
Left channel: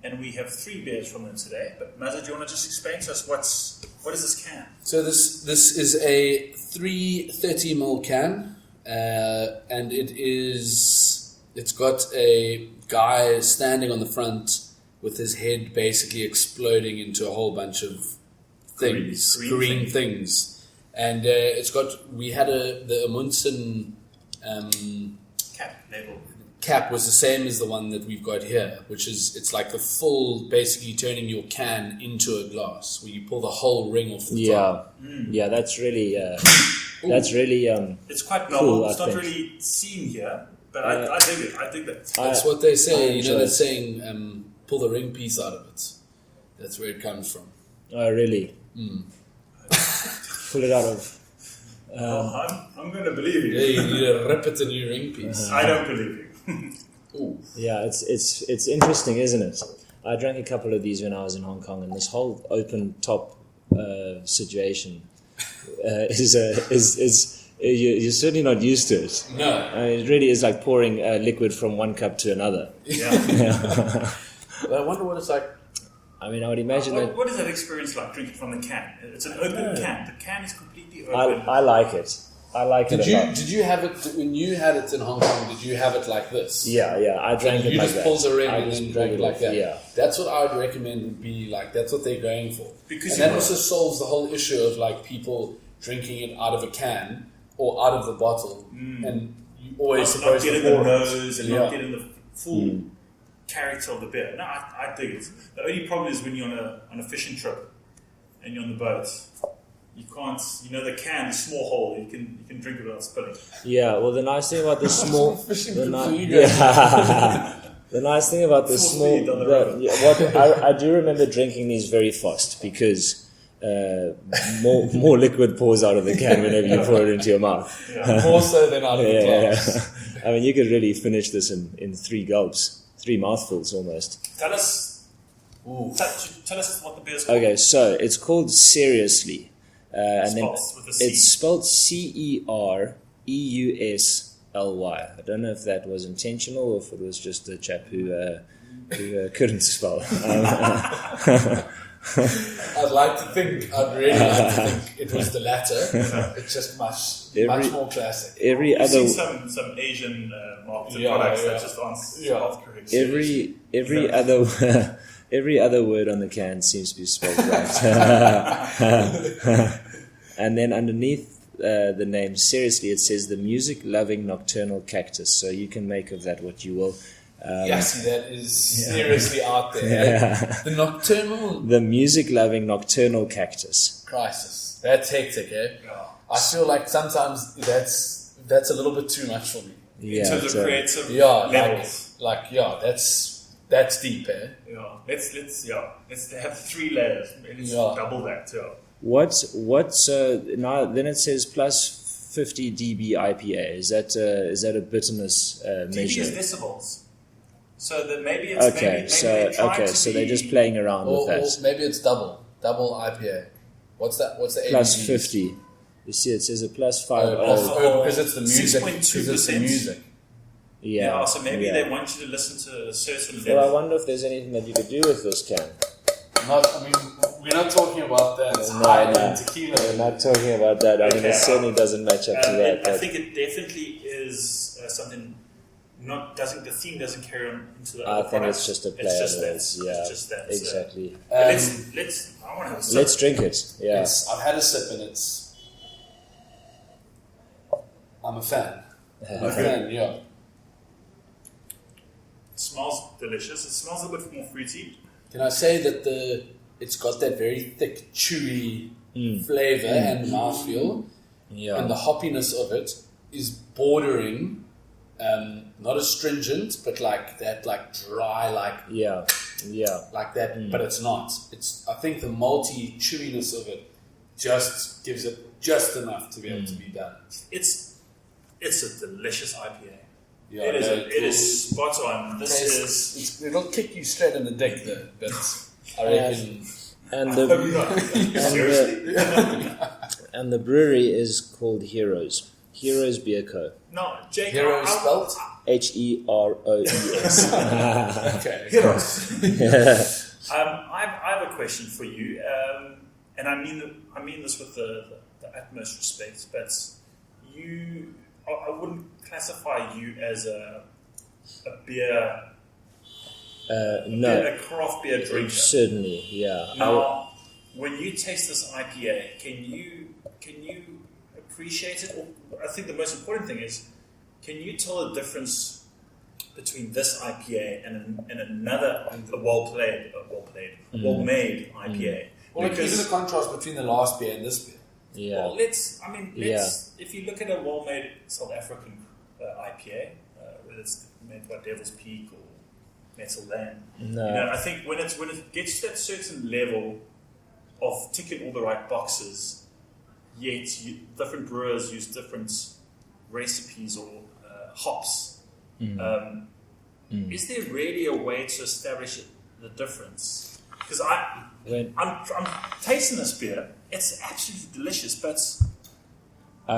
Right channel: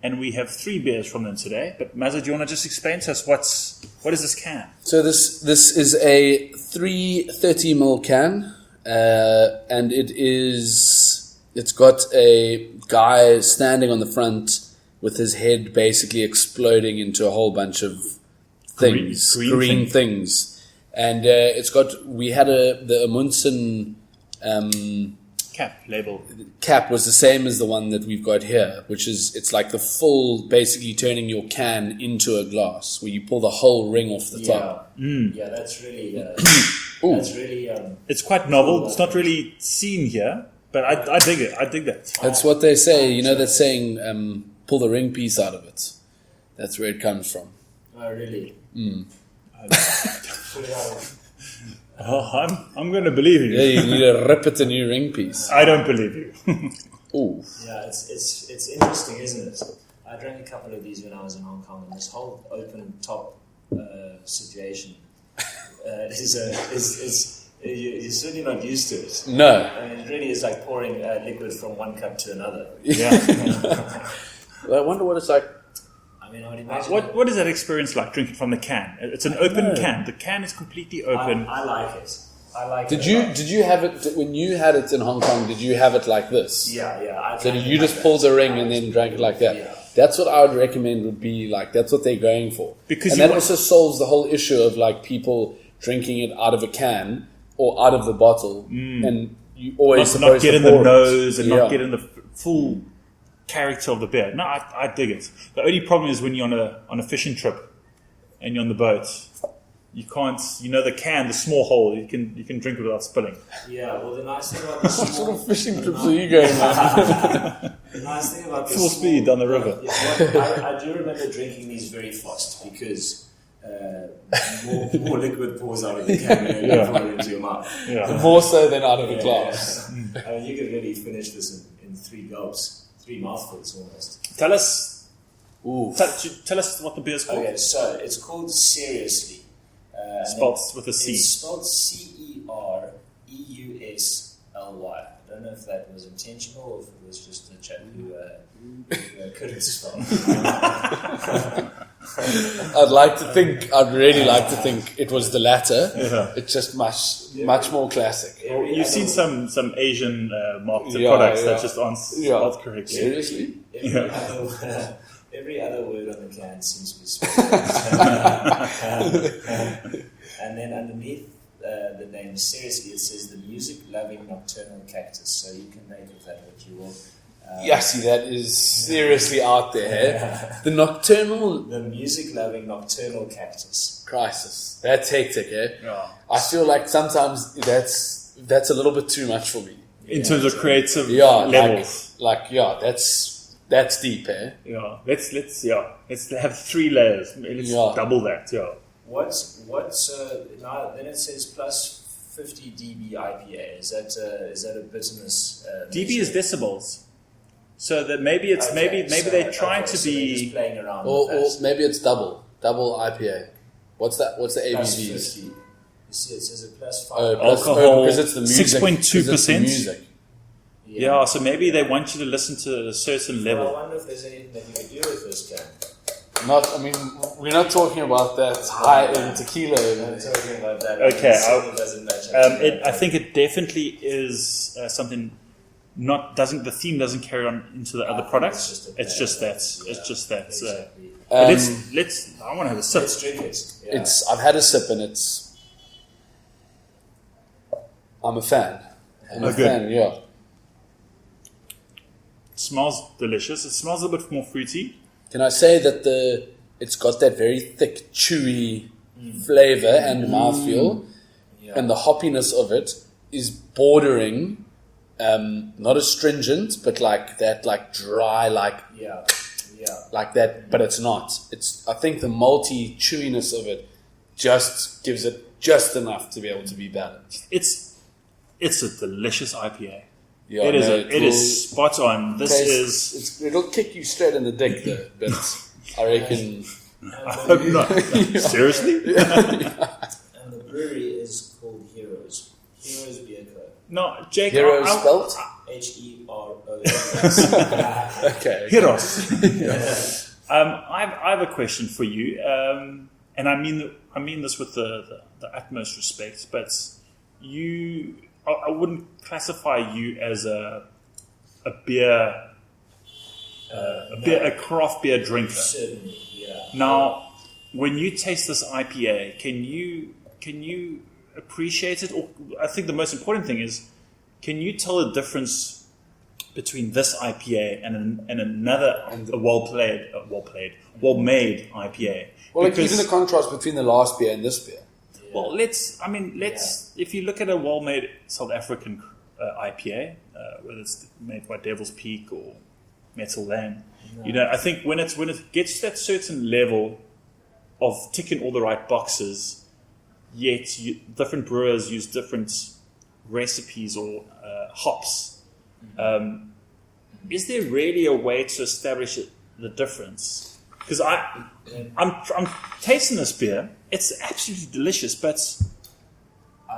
And we have 3 beers from them today. But Mazza, do you want to just explain to us what is this can? So this is a 330ml can, and it's got a guy standing on the front with his head basically exploding into a whole bunch of things, green things. And we had the Amundsen Cap label. Cap was the same as the one that we've got here, which is, it's like the full, basically turning your can into a glass, where you pull the whole ring off the top. Yeah, that's really, it's quite novel. Cool, it's not really seen here, but I dig it. I dig that. That's what they say. You know that saying, pull the ring piece out of it. That's where it comes from. Oh, really? Pull it out of... I'm going to believe you. Yeah, you need to rip it a new ring piece. I don't believe you. Ooh. Yeah, it's interesting, isn't it? I drank a couple of these when I was in Hong Kong, and this whole open top situation you're certainly not used to it. No. I mean, it really is like pouring liquid from one cup to another. Yeah. I wonder what it's like. I mean, I would imagine. What is that experience like drinking from the can? It's an open can. The can is completely open. I like it. I like it. Did you have it when you had it in Hong Kong? Did you have it like this? Yeah. So you just pulled the ring and then drank it like that. Yeah. That's what I would recommend. Would be like, that's what they're going for, and that also solves the whole issue of like people drinking it out of a can or out of the bottle, and you always supposed not to get in pour the nose and Yeah. not get in the full character of the beer. No, I dig it. The only problem is when you're on a fishing trip and you're on the boat, you can't. You know the small hole. You can drink it without spilling. Yeah. Well, the nice thing about the small fishing trips are you going? The nice thing about this Full small speed down the road. I do remember drinking these very fast because more liquid pours out of the can whenever you pour it into your mouth. Yeah. More so than out of the glass. I mean, you could really finish this in 3 gulps, 3 mouthfuls almost. Tell us what the beer's called. Okay, so it's called Seriously. Spelled with a C. It's spelled CEREUSLY. I don't know if that was intentional or if it was just a chap who couldn't spell. I'd really like to think it was the latter. It's just much more classic. You've seen some Asian marketed products that just aren't correct. Every other word on the can seems to be spelled right. And then underneath the name, Seriously, it says the music-loving nocturnal cactus. So you can make of that what you will. See, that is seriously out there. The music-loving nocturnal cactus. Crisis. That's hectic, eh? Yeah. I feel like sometimes that's a little bit too much for me. In terms of creative levels. That's deep, eh? Yeah. Let's have 3 layers. Let's double that. Yeah. What's now? Then it says plus 50 dB IPA. Is that a bitterness? dB is decibels. So that maybe they're trying to be. So they're just playing around or with that. maybe it's double IPA. What's the ABV? Plus 50. You see, it says a plus 5. Because it's the music. 6.2%. Yeah. So maybe they want you to listen to a certain level. Well, I wonder if there's anything that you could do with this can. We're not talking about that high-end tequila. Not talking about that. I mean, Okay, it certainly doesn't match up to that. I think it definitely is something. The theme doesn't carry on into the other think products. it's just a It's just play that. on it. It's just that. So Exactly. let's. I want to have a sip. Let's drink it. Yeah. I've had a sip and I'm a fan. I'm a fan, yeah. It smells delicious. It smells a bit more fruity. Can I say that it's got that very thick, chewy flavor and mouthfeel, Yeah. and the hoppiness of it is bordering, not astringent, but like that, like dry, like Yeah. like that. But it's not. I think the malty chewiness of it just gives it just enough to be able to be balanced. It's a delicious IPA. Yeah, It is spot on. It'll kick you straight in the dick though, but I reckon. And I hope the not. Seriously? and the brewery is called Heroes. Heroes Beer Co. No, Jake. Hero spelt? Heroes. Okay. Heroes. I have a question for you, and I mean this with the utmost respect, but I wouldn't classify you as a beer. No, A craft beer drinker. certainly, yeah. Now, when you taste this IPA, can you appreciate it? Or I think the most important thing is, can you tell the difference between this IPA and another well-made IPA? Well, like Because- even the contrast between the last beer and this beer. Yeah. Well, if you look at a well-made South African IPA, whether it's made by Devil's Peak or Metal Lane, No. I think when it gets to that certain level of ticking all the right boxes, yet different brewers use different recipes or hops. Is there really a way to establish the difference? Because I'm tasting this beer. It's absolutely delicious, but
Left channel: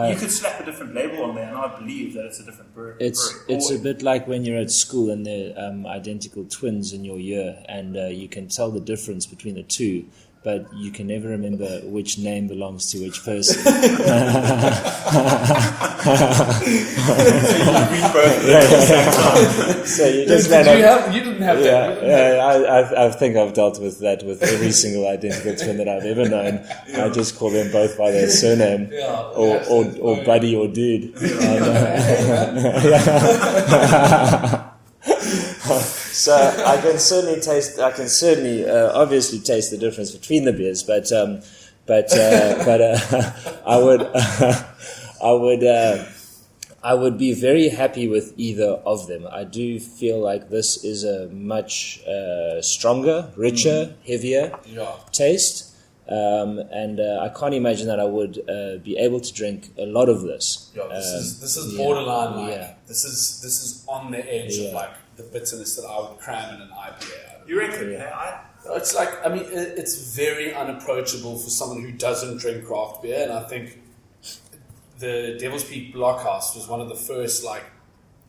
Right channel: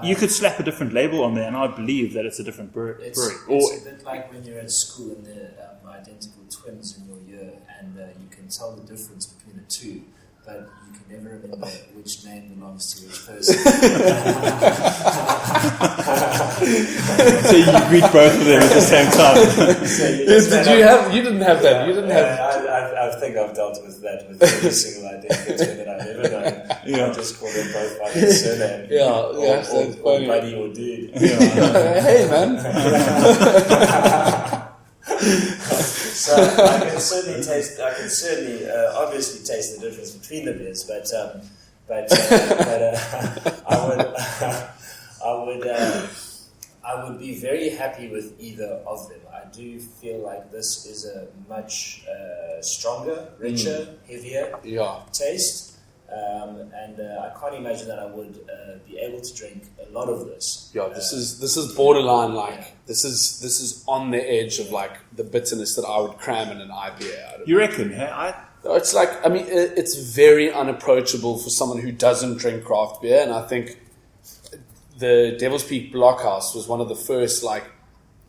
you could slap a different label on there, and I believe that it's a different brewery. It's a bit like when you're at school and they're identical twins in your year, and you can tell the difference between the two, but you can never remember which name belongs to which person. So you greet both of them at the same time. You didn't have that. You didn't have. I think I've dealt with that with every single identical twin that I've ever known. I just call them both by their surname. Or buddy or dude. Hey man. So I can certainly obviously taste the difference between the beers, but I would be very happy with either of them. I do feel like this is a much stronger, richer, heavier taste. And I can't imagine that I would be able to drink a lot of this. Yeah, this is borderline this is on the edge of like the bitterness that I would cram in an IPA. You reckon? It's like, I mean, it's very unapproachable for someone who doesn't drink craft beer, and I think the Devil's Peak Blockhouse was one of the first like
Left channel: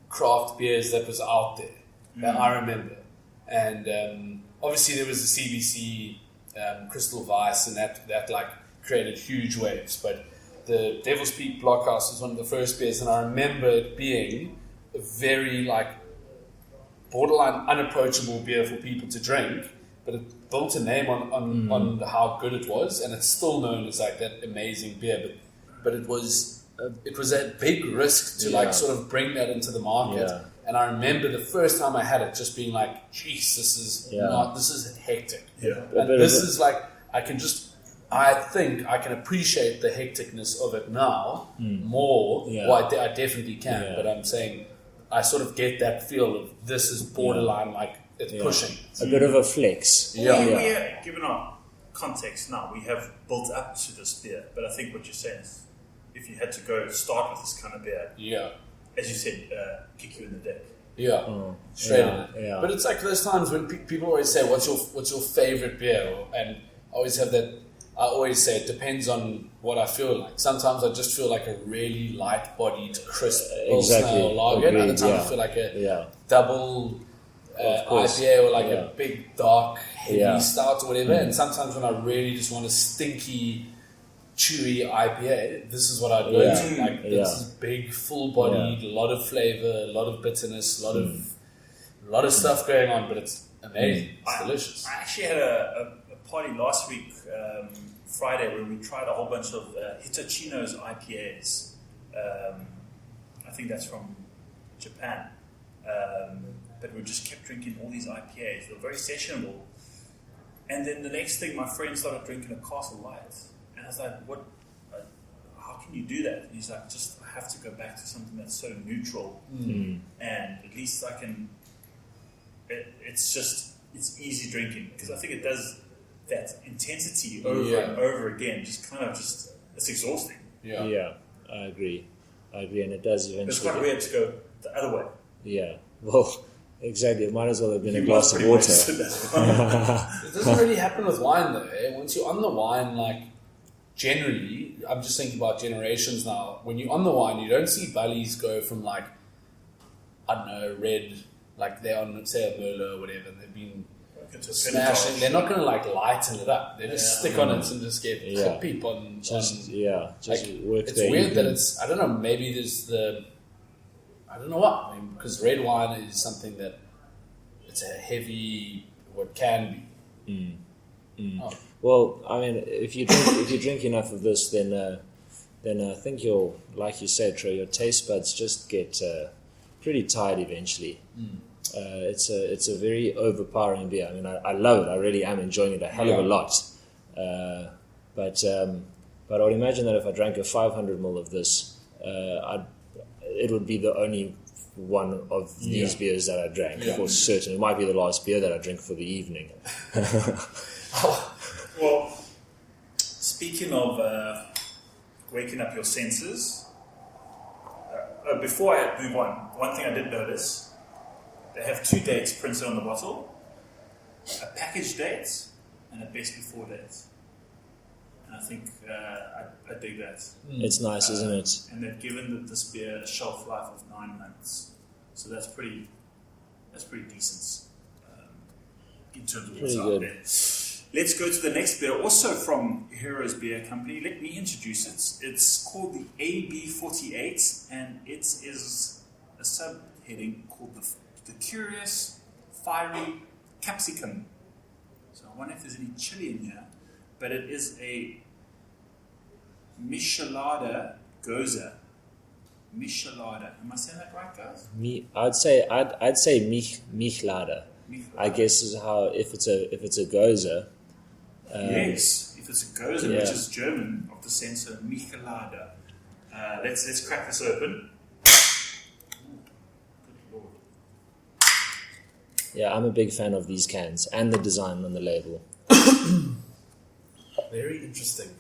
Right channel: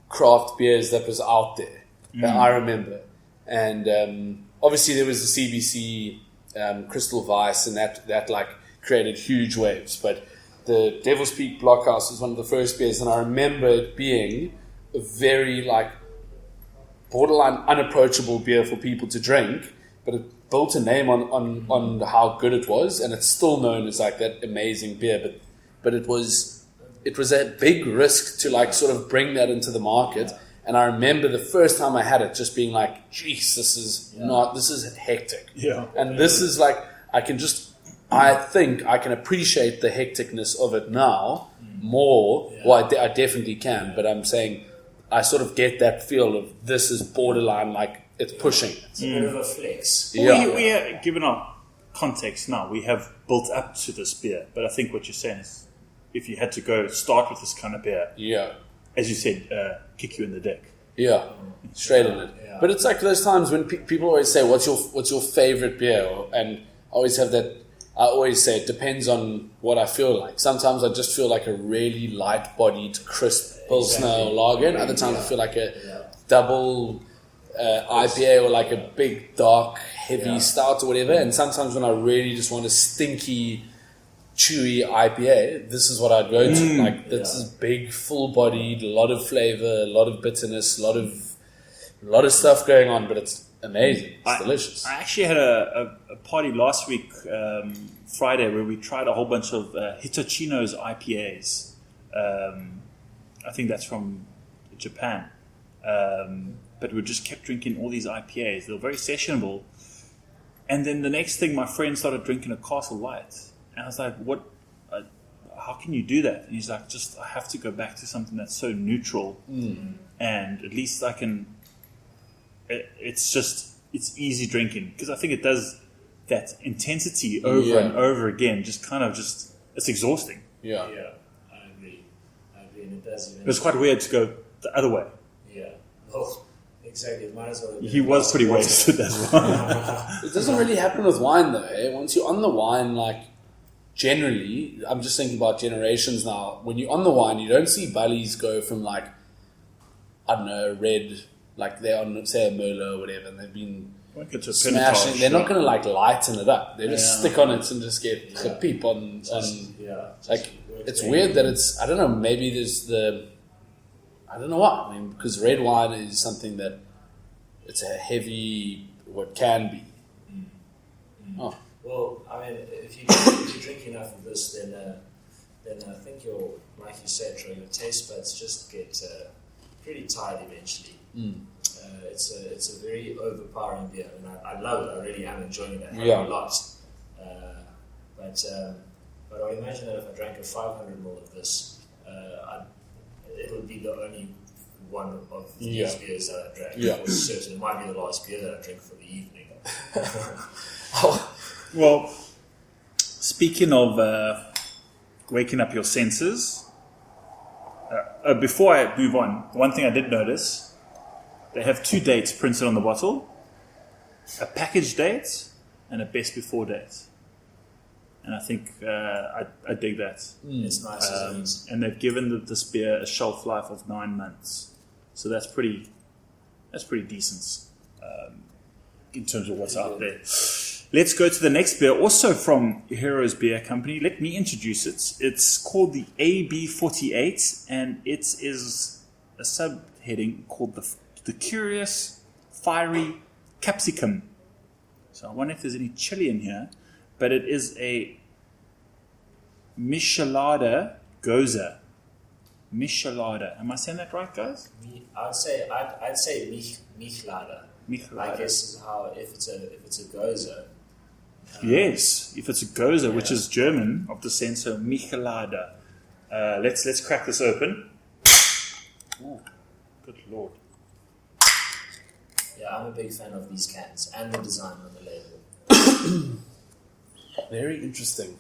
craft beers that was out there that I remember, and obviously there was the CBC. Crystal Vice, and that like created huge waves. But the Devil's Peak Blockhouse was one of the first beers, and I remember it being a very like borderline unapproachable beer for people to drink. But it built a name on how good it was, and it's still known as like that amazing beer. But it was a big risk to like sort of bring that into the market. Yeah. And I remember the first time I had it just being like, geez, this is hectic. Yeah. And this is like, I think I can appreciate the hecticness of it now more. Yeah. Well, I definitely can. Yeah. But I'm saying, I sort of get that feel of this is borderline, like it's pushing it. A bit of a flex. We are, given our context now, we have built up to this beer. But I think what you're saying is, if you had to go start with this kind of beer, as you said, kick you in the dick. Yeah, straight in it. Yeah. But it's like those times when people always say, "What's your favorite beer?" And I always have that. I always say it depends on what I feel like. Sometimes I just feel like a really light-bodied, crisp Pilsner or lager, and other times I feel like a double course. IPA or like a big, dark, heavy Yeah. stout or whatever. And sometimes when I really just want a stinky, chewy IPA, this is what I'd go to. Like, this is big, full-bodied, a lot of flavor, a lot of bitterness, a lot of stuff going on, but it's amazing. It's delicious. I actually had a party last week, Friday, where we tried a whole bunch of Hitachino's IPAs. I think that's from Japan. But we just kept drinking all these IPAs. They were very sessionable. And then the next thing, my friend started drinking a Castle White. And I was like, what? How can you do that? And he's like, I have to go back to something that's so neutral. And at least I can... It's easy drinking. Because I think it does that intensity over and over again. It's exhausting. Yeah. Yeah, I agree, and it does eventually. It's quite weird to go the other way. Yeah, well, exactly. It might as well have been. He a glass was pretty of well water. stood as well. It doesn't really happen with wine though. Eh? Once you're on the wine, like generally, I'm just thinking about generations now. When you're on the wine, you don't see bullies go from like, I don't know, red, like they're on, say, a Merlot or whatever, and they've been smashing. They're not going to like lighten it up. They just stick on it and just get the peep on. Like it's weird that it's. I don't know. Maybe there's I don't know what. I mean, because red wine is something that it's a heavy, what can be. Oh. Well, I mean, if you drink enough of this, then I think you'll, like you said, Troy, your taste buds just get pretty tired eventually. It's a very overpowering beer. I mean, I love it. I really am enjoying it a hell of a lot. But I would imagine that if I drank a 500 ml of this, it would be the only one of these beers that I drank for certain. It might be the last beer that I drink for the evening. Well, speaking of waking up your senses, before I move on, one thing I did notice, they have 2 dates printed on the bottle, a package date and a best before date. And I think I dig that. It's nice, isn't it? And they've given this beer a shelf life of 9 months, so that's pretty decent in terms of what's out there. Let's go to the next beer, also from Heroes Beer Company. Let me introduce it. It's called the AB48, and it is a subheading called the Curious Fiery Capsicum. So I wonder if there's any chili in here, but it is a Michelada Goza. Michelada. Am I saying that right, guys? I'd say Michelada. I guess is how if it's a Goza. Yes, if it's a Goza, which is German of descent, so Michelada. Let's crack this open. Oh, good lord! Yeah, I'm a big fan of these cans and the design on the label. Very interesting.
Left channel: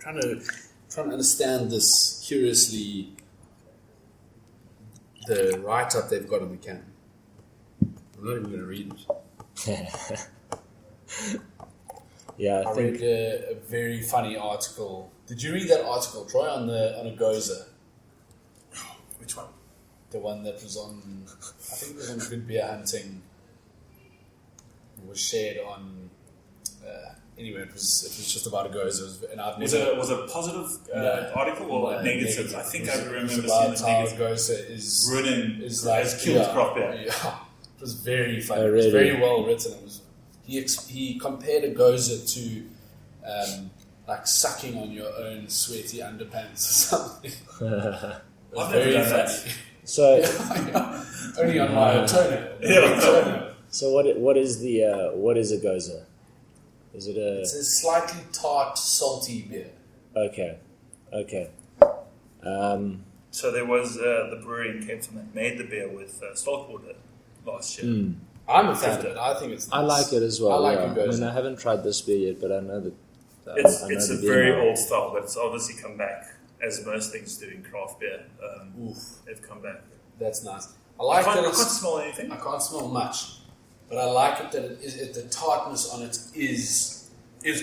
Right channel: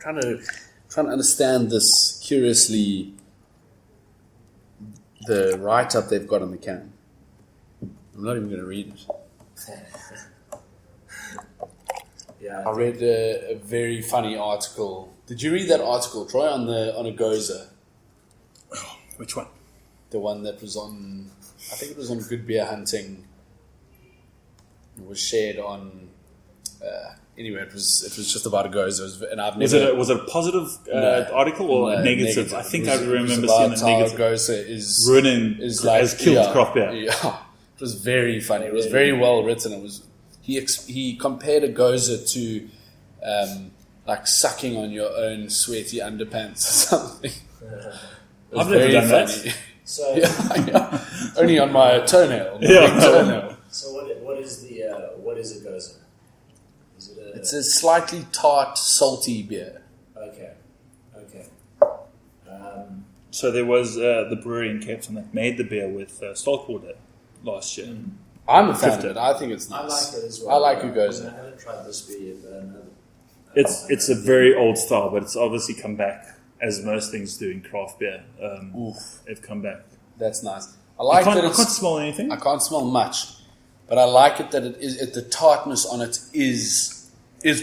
Trying to understand this curiously. The write-up they've got on the can. I'm not even going to read it. Yeah, I read a very funny article. Did you read that article, Troy, on a Goza? Which one? The one that was on, I think it was on Good Beer Hunting. It was shared on. Anyway, it was just about a Goza, and I've never. Was it a positive article or a negative? I think I remember seeing about the how negative. Goza is Ruining has killed craft beer. Yeah, it was very funny. It was very well written. It was. He compared a Goza to like sucking on your own sweaty underpants or something. It was very funny. So Only on my toenail, my big toenail. So what is a Goza? Is it a? It's a slightly tart, salty beer. Okay. So there was the brewery in Cape Town that made the beer with Stoltwater last year. I'm a fan of it. I think it's nice. I like it as well. I like a Goza. I haven't tried this beer yet, but I know that. It's a very old style, but it's obviously come back, as most things do in craft beer. It's come back. That's nice. I like that I it's. can't smell anything. I can't smell much, but I like it that it is. The tartness on it is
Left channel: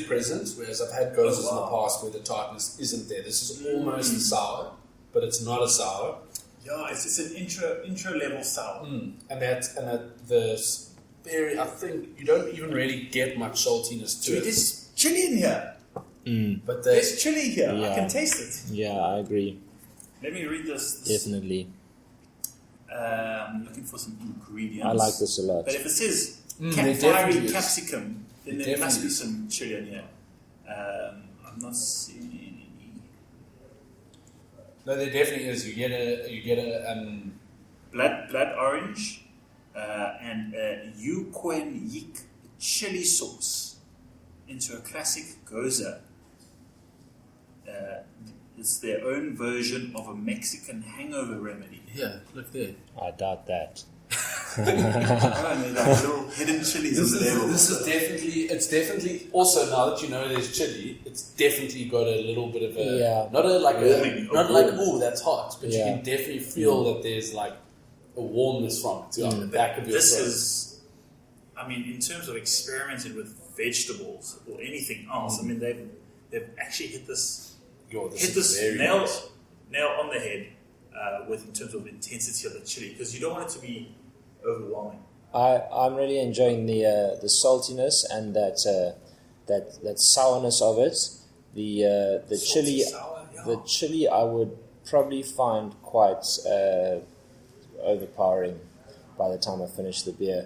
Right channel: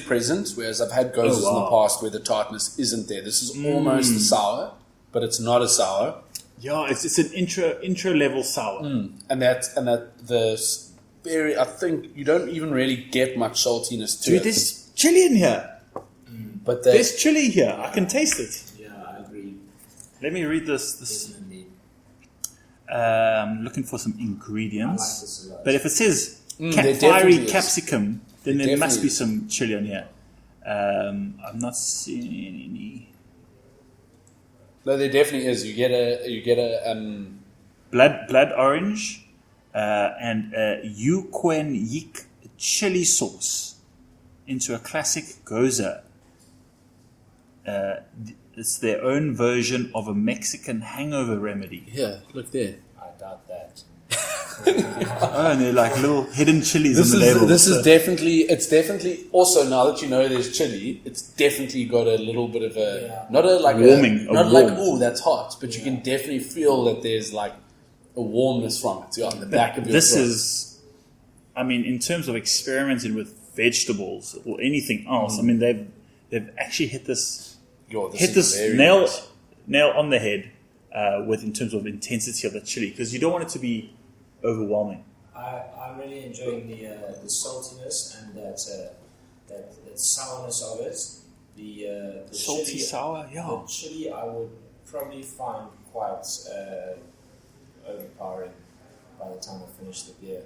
present, whereas I've had Gozas in the past where the tartness isn't there. This is almost a sour, but it's not a sour. Yeah, it's an intro level sour. And the berry, I think you don't even really get much saltiness to Dude, it. there's chili in here. But There's chili here. I Yeah. can taste it. Yeah, I agree. Let me read this. Definitely. Looking for some ingredients. I like this a lot. But if it says there fiery definitely is. capsicum, then There there must definitely be is. some chili on here. I'm not seeing any. no, there definitely is. You get a Blood orange and Yukwen Yik chili sauce into a classic goza. It's their own version of a Mexican hangover remedy. here. Look there. I doubt that. Oh, and they're like little hidden chilies on the label. This is definitely also, now that you know there's chili, it's definitely got a little bit of a Yeah. not a like Warming, a not a like warmth. oh that's hot, but you Yeah. can definitely feel that there's like a warmness from it on the back of your This throat. is, I mean, in terms of experimenting with vegetables or anything else, I mean, they've actually hit this very nail nice. on the head with in terms of intensity of the chili, because you don't want it to be overwhelming. I'm really enjoying the saltiness and that sourness of it. The Salty, chili, sour, yeah. the chili, I would probably find quite overpowering by the time I finish the beer.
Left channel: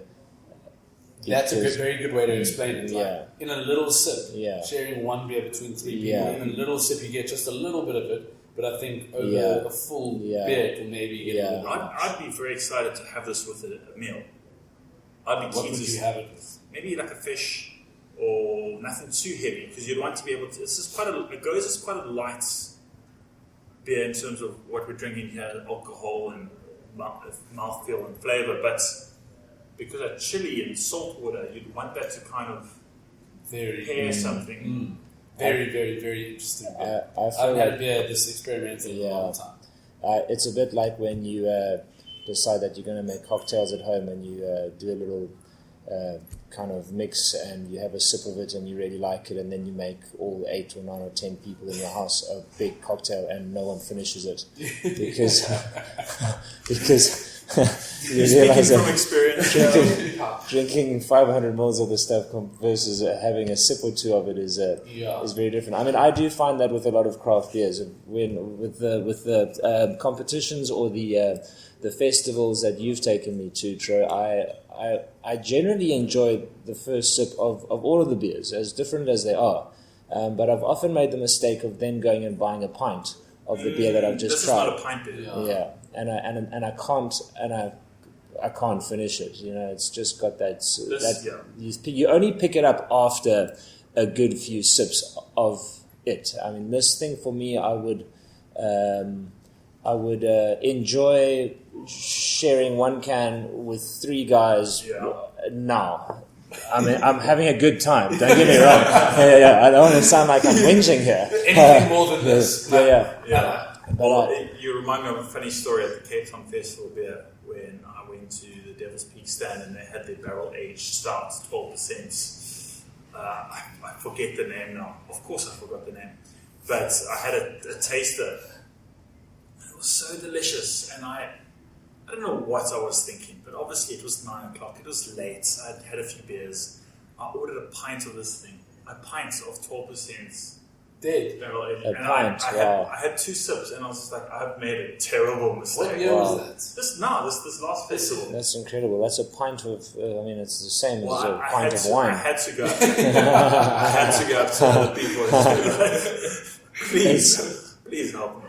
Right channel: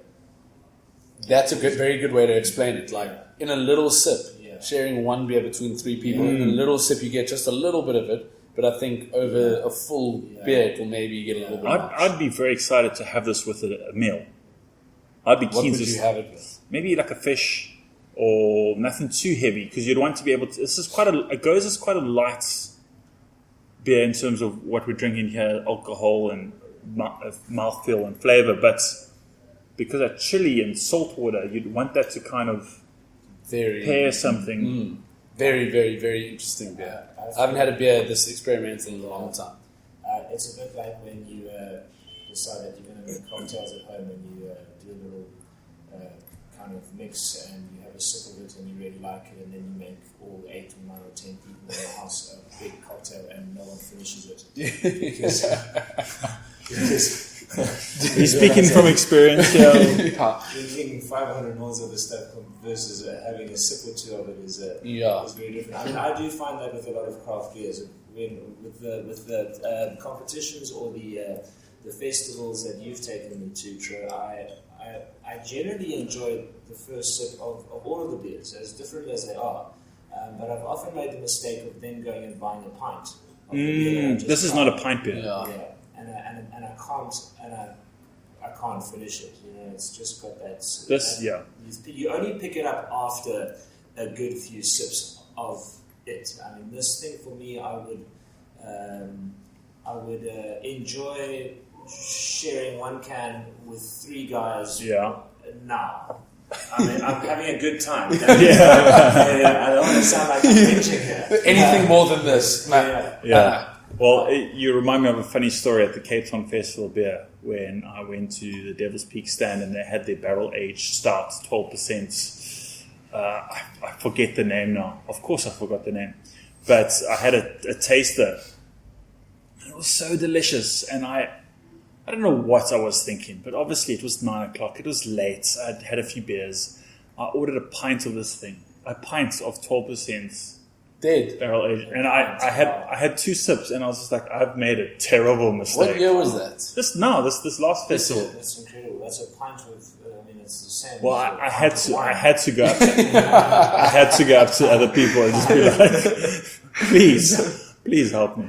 That's a Because- very good way to explain it. Like Yeah. in a little sip, Yeah. sharing one beer between three people. Yeah. In a little sip, you get just a little bit of it. But I think over Yeah. a full Yeah. beer, it will maybe get a Yeah. little bit much. I'd be very excited to have this with a meal. I'd be What keen would to you have it with? maybe like a fish or nothing too heavy, because you'd want to be able to. This is a goes is quite a light beer in terms of what we're drinking here, alcohol and mouthfeel and flavor. But because of chili and salt water, you'd want that to kind of Very pair something. Very, very, very interesting beer. I I haven't had a beer this experimental in a Yeah. long time. It's a bit like when you decide that you're going to make cocktails at home and you do a little kind of mix and you have a sip of it and you really like it, and then you make all 8 or 9 or 10 people in your house a big cocktail and no one finishes it because you Speaking realize from that experience, drinking 500 mils of the stuff versus having a sip or two of it is very different. I mean, I do find that with a lot of craft beers, when with the competitions or the festivals that you've taken me to, Tro, I generally enjoy the first sip of all of the beers, as different as they are. But I've often made the mistake of then going and buying a pint of the beer that I've just this is tried. not a pint beer. Yeah, and I can't finish it. You know, it's just got that. You only pick it up after a good few sips of it. I mean, this thing for me, I would enjoy sharing one can with 3 guys. Now. I mean, I'm having a good time. Yeah. I don't want to sound like I'm whinging here. Anything more than this. Yeah. Well, you remind me of a funny story at the Cape Town Festival beer when I went to the Devil's Peak stand and they had their barrel aged stout, 12%. I forget the name now. Of course, I forgot the name, but I had a taster. It was so delicious, and I don't know what I was thinking, but obviously it was 9 o'clock. It was late. I'd had a few beers. I ordered a pint of this thing, a pint of 12%. Dead. Barrel aged, and pint, wow. I had 2 sips, and I was just like, I've made a terrible mistake. What year was that? This last festival. That's incredible. That's a pint of. I mean, it's the same Well, as a I pint had of to. wine. I had to go. I had to go up to other people and just be like, please help me.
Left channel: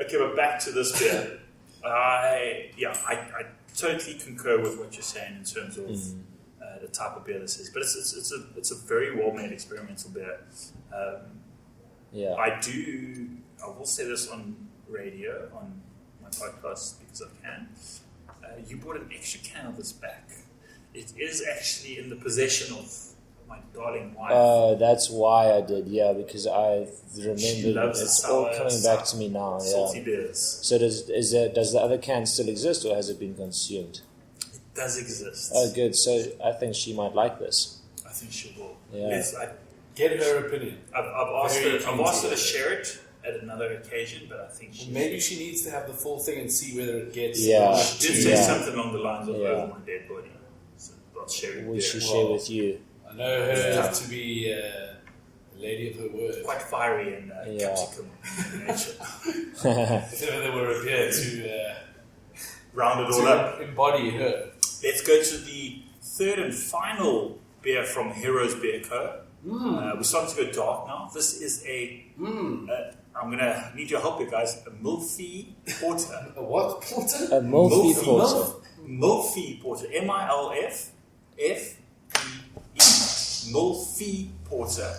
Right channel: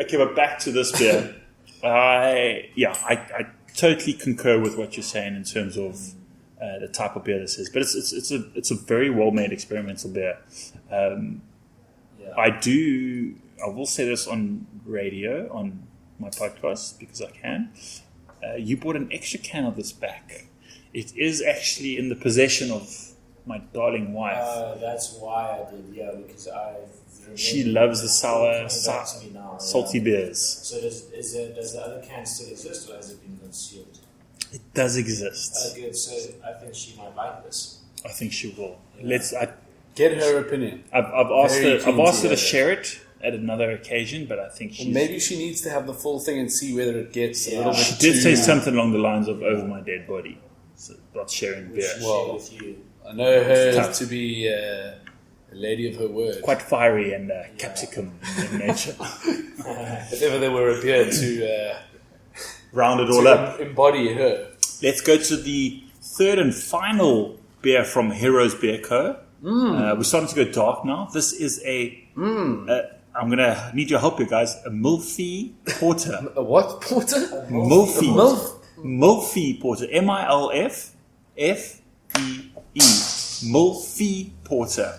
Okay, but back to this beer. I totally concur with what you're saying in terms of the type of beer this is, but it's a very well made experimental beer. Yeah. I will say this on radio on my podcast because I can. You bought an extra can of this back. It is actually in the possession of my darling wife. That's why I did. Yeah, because I remember She loves the it's all sour, coming back to me now. salty Yeah. beers. So does the other can still exist, or has it been consumed? It does exist. Oh, good. So I think she might like this. I think she will. Yeah. Get her opinion. I've asked Very her keen to to hear share it at another occasion, but I think she's... Maybe she needs to have the full thing and see whether it gets Yeah. a little bit She did too... say something along the lines of Yeah. over my dead body. So not sharing We beer. should Well, share with you. I know her to be a lady of her word. Quite fiery and Yeah. capsicum in nature. If ever there were a beer to Round it all up. embody her. Let's go to the third and final beer from Heroes Beer Co. We're starting to go dark now. This is I'm going to need your help, you guys. A Milfy Porter. A what? Porter? A Milfy. Milfy. Milfy Porter. MILFFEE. Milfy Porter.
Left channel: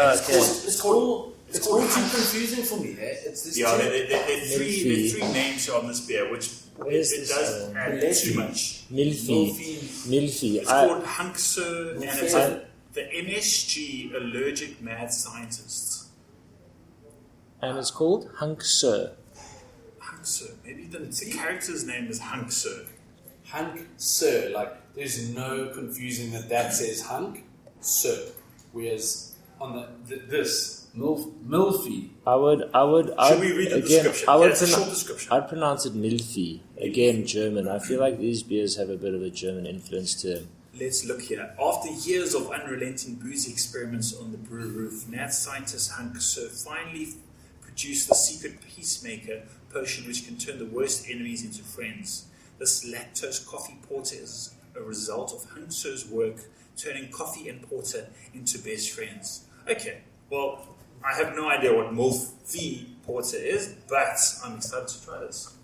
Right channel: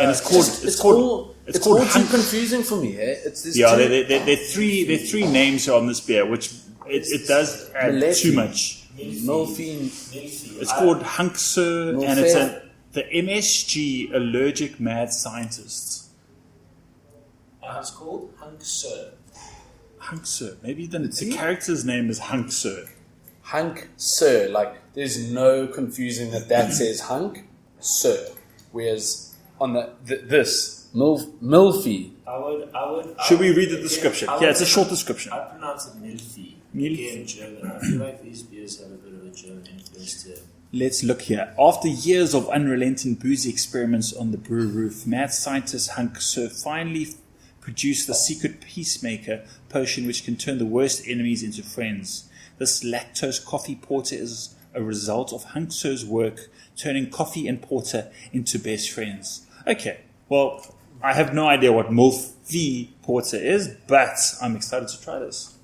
And it's called... It's all too confusing for me. Eh? It's this Yeah, too... there are three names on this beer, which it does add Milfy. too much. Milfy. It's called Hunksur, and Milfy. it's the MSG Allergic Mad Scientists. And it's called Hunksur. Hunksur. Maybe the character's name is Hunksur. Hunk Sir. Like, there's no confusing that says Hunk Sir. Whereas on this Milfy. Should we read the description? It's a short pronounce- description. I'd pronounce it Milfy. Again, German. I feel like these beers have a bit of a German influence to them. Let's look here. After years of unrelenting boozy experiments on the brew roof, mad scientist Hunksur finally produced the secret peacemaker potion which can turn the worst enemies into friends. This lactose coffee porter is a result of Hunksur's work turning coffee and porter into best friends. Okay, well, I have no idea what Milfy Porter is, but I'm excited to try this.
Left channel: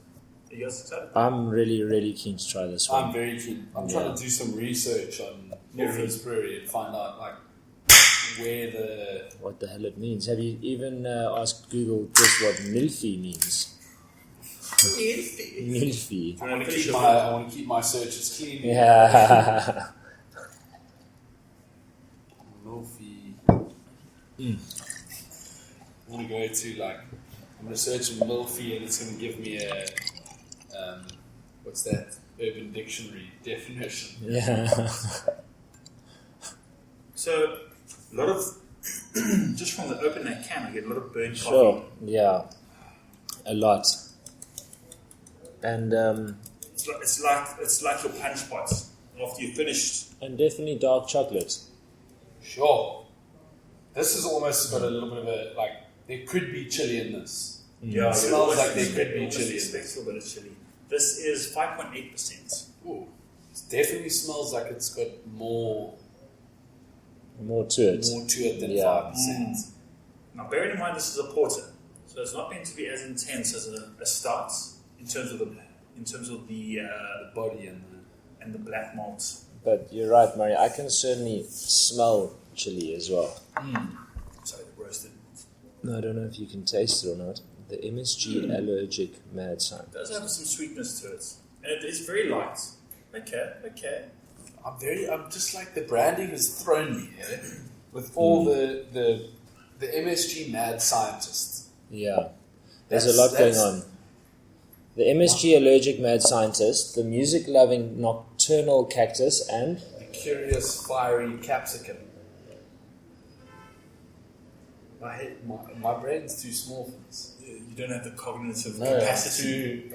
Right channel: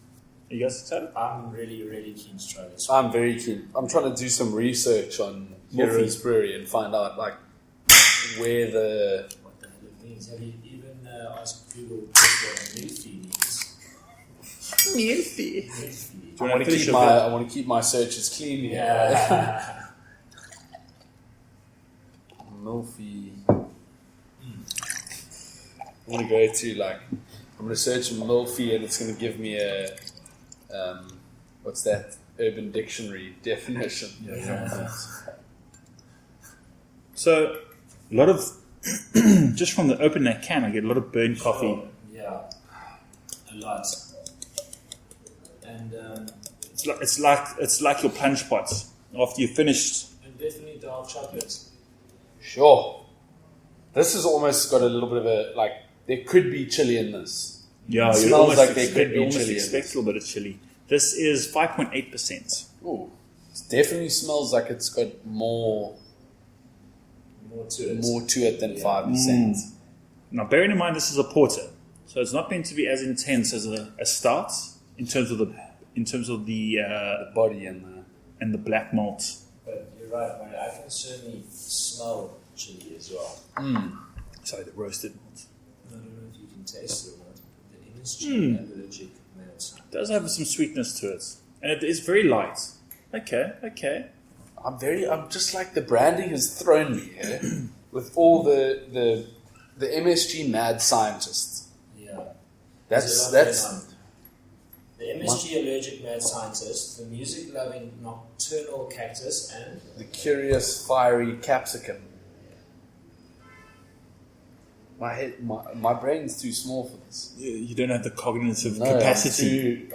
Are you guys excited? I'm really, really keen to try this one. I'm very keen. I'm trying to do some research on Heroes Brewery and find out like where the... What the hell it means. Have you even asked Google just what Milfy means? Milfy. I want to keep my searches clean. Here. Yeah. Milfy. I'm going to go to I'm going to search Milfy and it's going to give me a what's that? Urban Dictionary definition. Yeah. So, a lot of, just from the open that can, I get a lot of burnt coffee. Sure. Yeah. A lot. And It's like your punch pots after you finished. and definitely dark chocolate. Sure. This has almost got a little bit of a there could be chili in this. Yeah, It smells like there could be chili in Expect a little bit of chili. This is 5.8%. Ooh. It definitely smells like it's got more More to it. to it than Yeah. 5%. Now, bearing in mind this is a porter, so it's not meant to be as intense as a stout in terms of the The body and the black malt. But you're right, Murray. I can certainly smell chili as well. Sorry, the roasted. No, I don't know if you can taste it or not. The MSG Allergic Mad Scientist. It does have some sweetness to it, and it is very light. Okay. I'm just like the branding has thrown me here with all the MSG mad scientists. Yeah. There's a lot going on. The MSG Allergic Mad Scientist, the music-loving Nocturnal Cactus, and The curious fiery capsicum. My brain's too small for this. You don't have the cognitive No, capacity.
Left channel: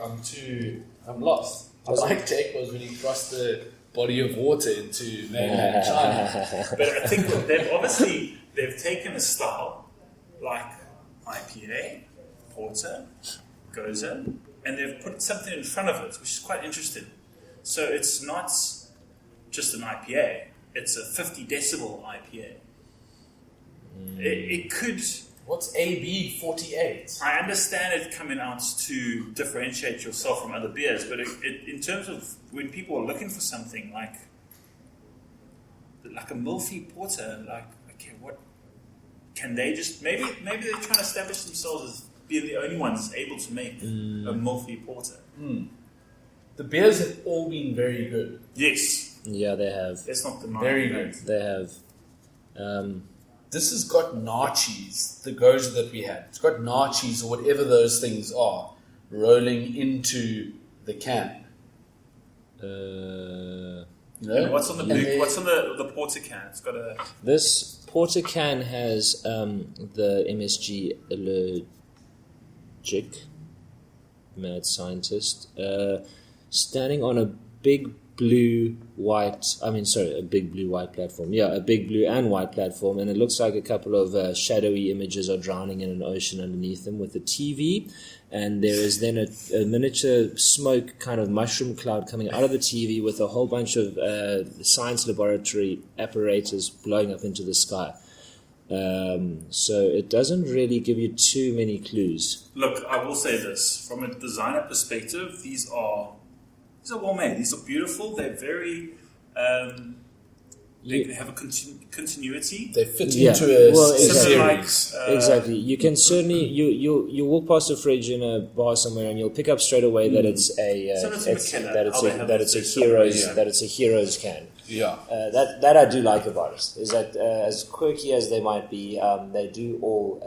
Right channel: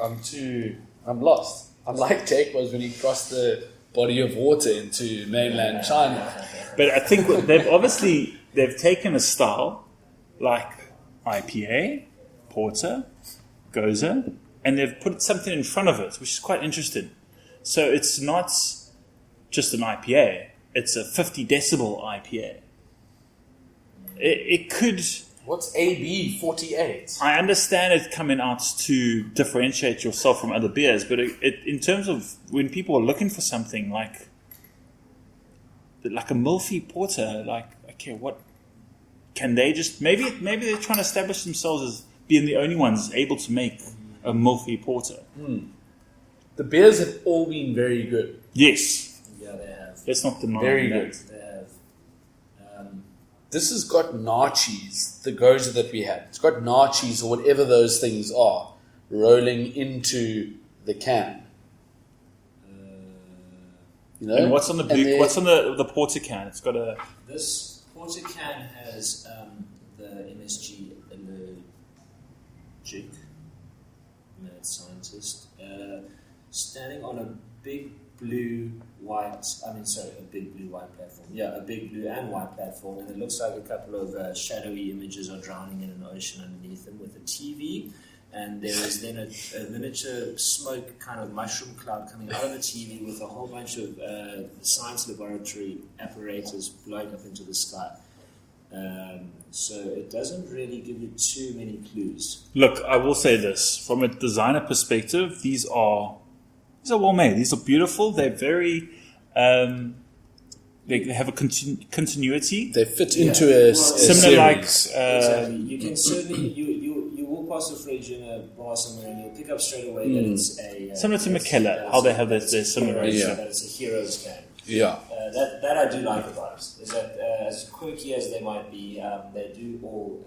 I'm lost. I'm like Jake was when he crossed the body of water into mainland China. But I think they've taken a style like IPA, Porter, Goza, and they've put something in front of it, which is quite interesting. So it's not just an IPA; it's a 50 decibel IPA. It could. What's AB 48? I understand it coming out to differentiate yourself from other beers, but in terms of when people are looking for something like a Milfy Porter, okay, what can they just maybe they're trying to establish themselves as being the only ones able to make a Milfy Porter. The beers have all been very good. Yes, yeah, they have. let's not deny Very that. good. They have. This has got nachis, the Goza that we had. It's got nachis or whatever those things are rolling into the can. You know? And what's on the Porter can? It's got a This Porter can has the MSG logic, mad scientist, standing on a big blue white platform. Yeah, a big blue and white platform, and it looks like a couple of shadowy images are drowning in an ocean underneath them with a TV. And there is then a miniature smoke kind of mushroom cloud coming out of the TV with a whole bunch of science laboratory apparatus blowing up into the sky. So it doesn't really give you too many clues. Look, I will say this. From a designer perspective, these are well made. These are beautiful. They're very... they have a continuity. They fit into a series. Exactly. You can certainly you walk past a fridge in a bar somewhere and you'll pick up straight away that it's a similar to McKellar, how they have that it's a hero's can. Yeah. That I do like about it is that as quirky as they might be, they do all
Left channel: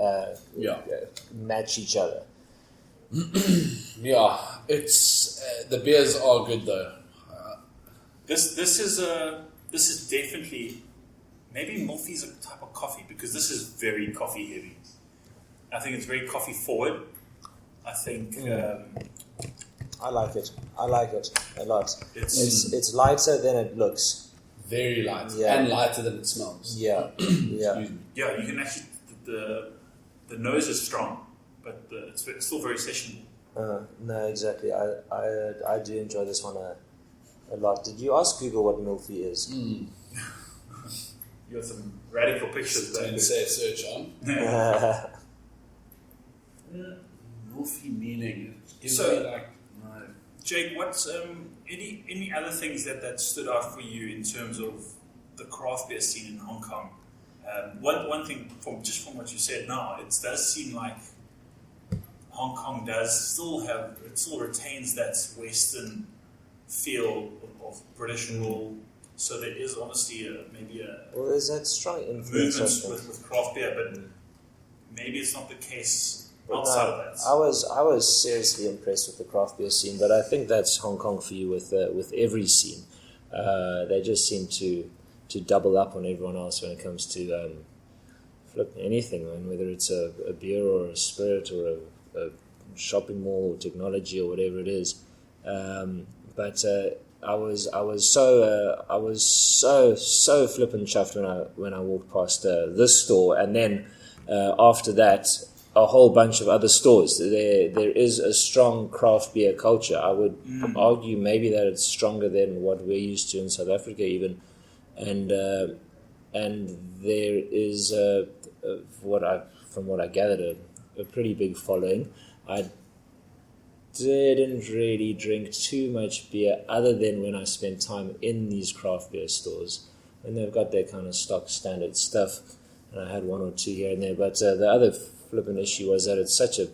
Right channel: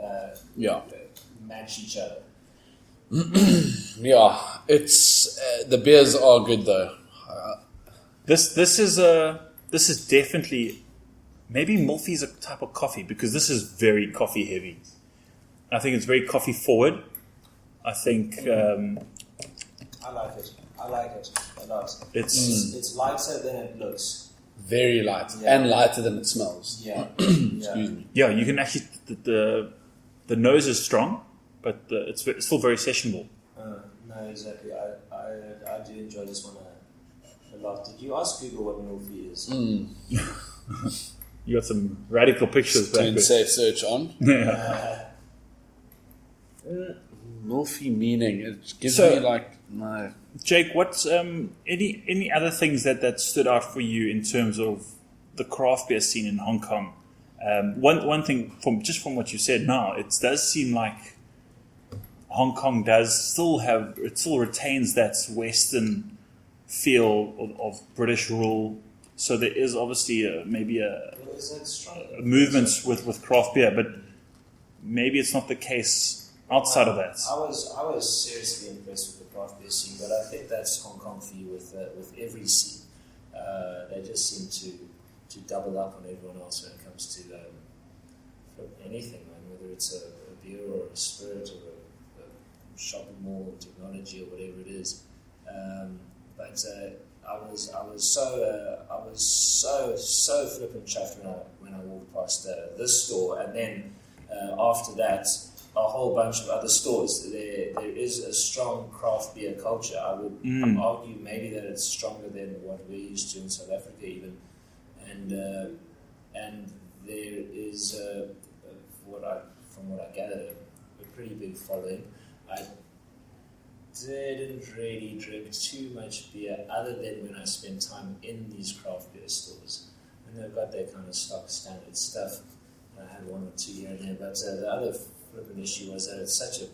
match each other. Yeah, it's the beers are good though. This is definitely, maybe Mulphy is a type of coffee because this is very coffee heavy. I think it's very coffee forward. I think I like it. I like it a lot. It's lighter than it looks. Very light and lighter than it smells. Yeah. Excuse me. Yeah, you can actually the nose is strong, but it's still very sessionable. No, exactly. I do enjoy this one a lot. Did you ask Google what Mulphy is? You got some radical pictures. Turn safe search on. Mulphy meaning. It gives me like no. Jake, what's any other things that stood out for you in terms of the craft beer scene in Hong Kong? One thing from what you said now, it does seem like Hong Kong still retains that Western feel of British rule. So there is obviously is that strong movement with craft beer, but maybe it's not the case outside of that. I was seriously impressed with the craft beer scene, but I think that's Hong Kong for you with every scene. They just seem to double up on everyone else when it comes to anything, man, whether it's a beer or a spirit or a shopping mall or technology or whatever it is. But I was so flippin' chuffed when I walked past this store, and then after that, a whole bunch of other stores. There is a strong craft beer culture. I would argue maybe that it's stronger than what we're used to in South Africa, even, and there is from what I gathered a pretty big following. I didn't really drink too much beer other than when I spent time in these craft beer stores, and they've got their kind of stock standard stuff, and I had one or two here and there. But the other flipping issue was that it's such a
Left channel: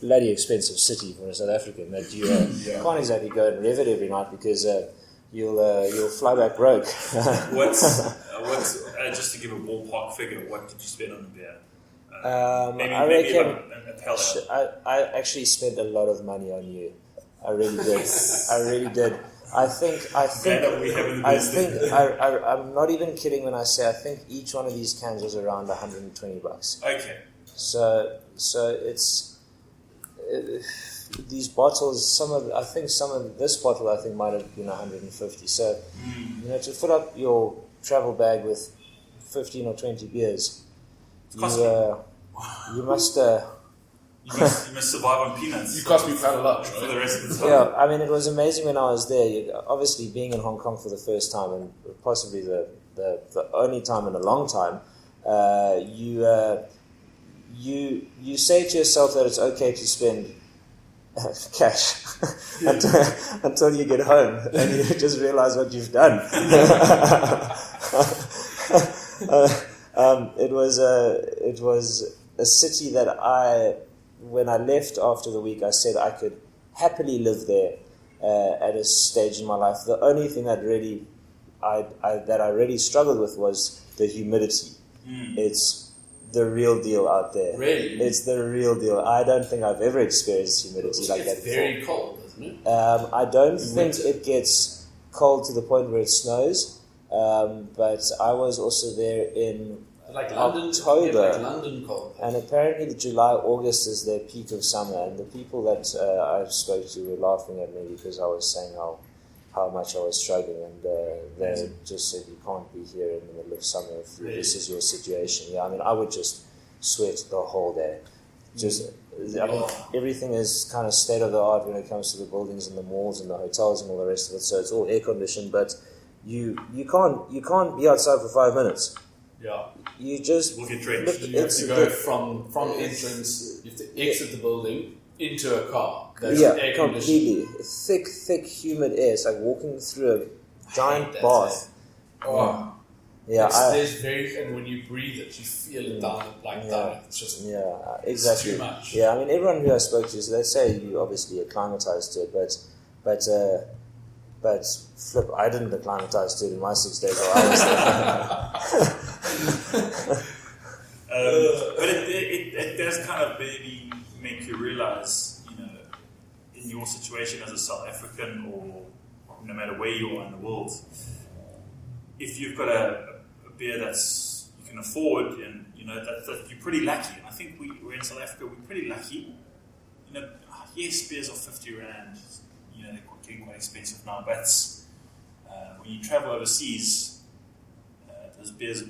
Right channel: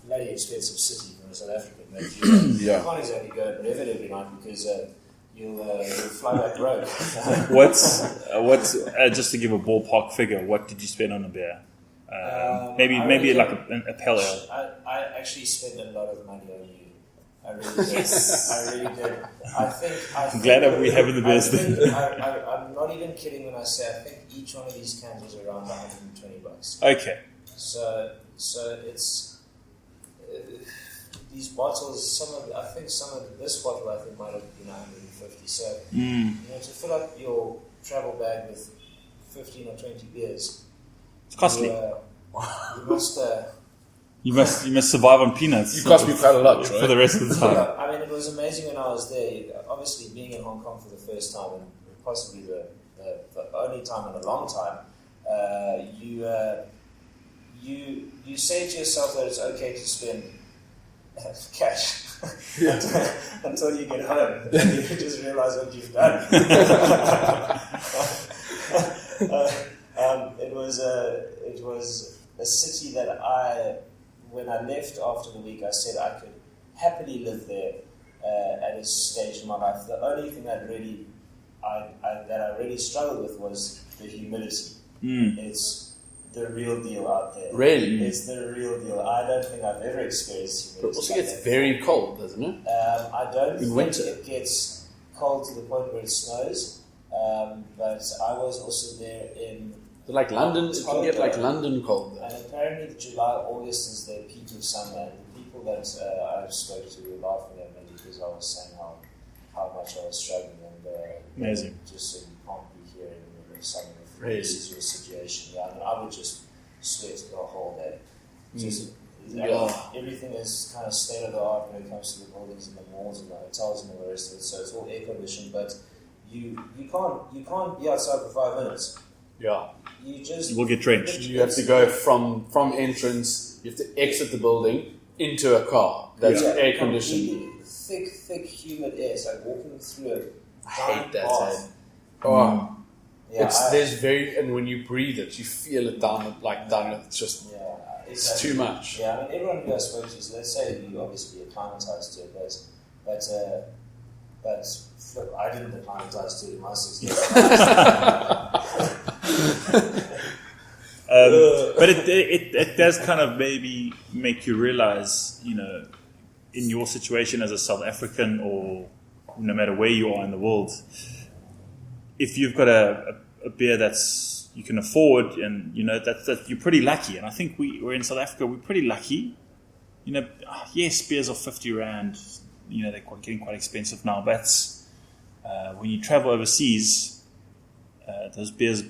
bloody expensive city for a South African that you can't exactly go and rev it every night because you'll fly back broke. What's just to give a ballpark figure, what did you spend on a beer? Maybe like a pellet. I actually spent a lot of money on you. I really did. I really did. I think glad that we have in the business. I'm not even kidding when I say I think each one of these cans was around $120. Okay. So it's these bottles. Some of this bottle I think might have been 150. So to fill up your travel bag with 15 or 20 beers, it's costly. You must survive on peanuts. You cost me quite a lot, right? For the rest of the time. Yeah, I mean, it was amazing when I was there. Obviously, being in Hong Kong for the first time and possibly the only time in a long time, you say to yourself that it's okay to spend cash until you get home and you just realize what you've done. It was a city that when I left after the week, I said I could happily live there at a stage in my life. The only thing that I really struggled with was the humidity. It's the real deal out there. Really? It's the real deal. I don't think I've ever experienced humidity. It also gets very cold, doesn't it? I don't think winter. It gets cold to the point where it snows. But I was also there in Like London, you can get like London cold. And apparently July, August is their peak of summer. And the people that I spoke to were laughing at me because I was saying how much I was struggling. And they just said, you can't be here in the middle of summer if this is your situation. Yeah, I mean, I would just sweat the whole day. Just I mean, everything is kind of state of the art when it comes to the buildings and the malls and the hotels and all the rest of it. So it's all air conditioned, but you can't be outside for 5 minutes. Yeah. You will get drenched. You have to go from entrance. You have to exit the building into a car that's air conditioned. Thick, humid air. It's like walking through a giant bath. Oh, yeah. And when you breathe it, you feel it down. It's just exactly. It's too much. Yeah, I mean, everyone who I spoke to, so they say you obviously acclimatized to it, but flip, I didn't acclimatize to it in my 6 days. But it does kind of maybe make you realize, in your situation as a South African, or no matter where you are in the world, if you've got a beer that's you can afford, and that you're pretty lucky. And I think we're in South Africa, we're pretty lucky. Yes, beers are 50 rand. They're getting quite expensive now. But when you travel overseas, those beers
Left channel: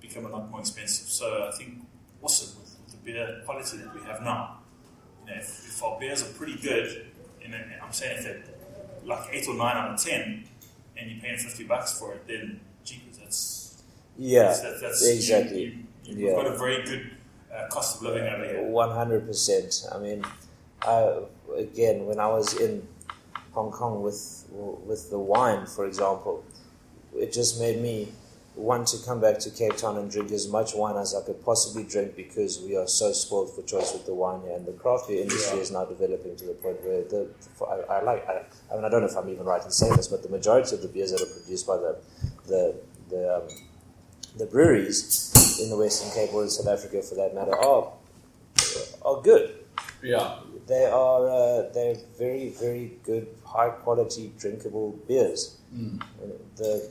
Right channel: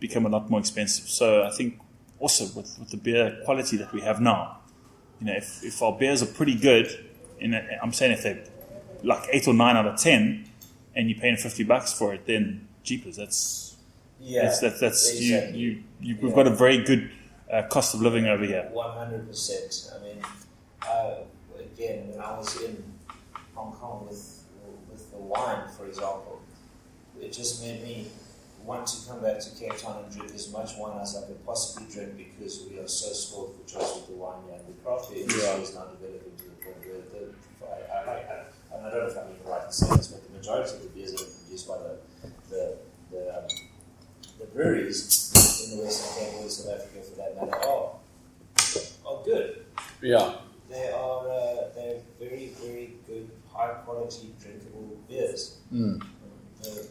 become a lot more expensive. So I think also with the beer quality that we have now, if our beers are pretty good, I'm saying if they're like 8 or 9 out of 10, and you're paying $50 for it, then jeepers, that's exactly. We've got a very good cost of living over here. 100%. I mean, again, when I was in Hong Kong with the wine, for example, it just made me want to come back to Cape Town and drink as much wine as I could possibly drink, because we are so spoiled for choice with the wine here, and the craft beer industry is now developing to the point where I don't know if I'm even right in saying this, but the majority of the beers that are produced by the breweries in the Western Cape or in South Africa, for that matter, are good. Yeah. They're very, very good, high quality, drinkable beers. The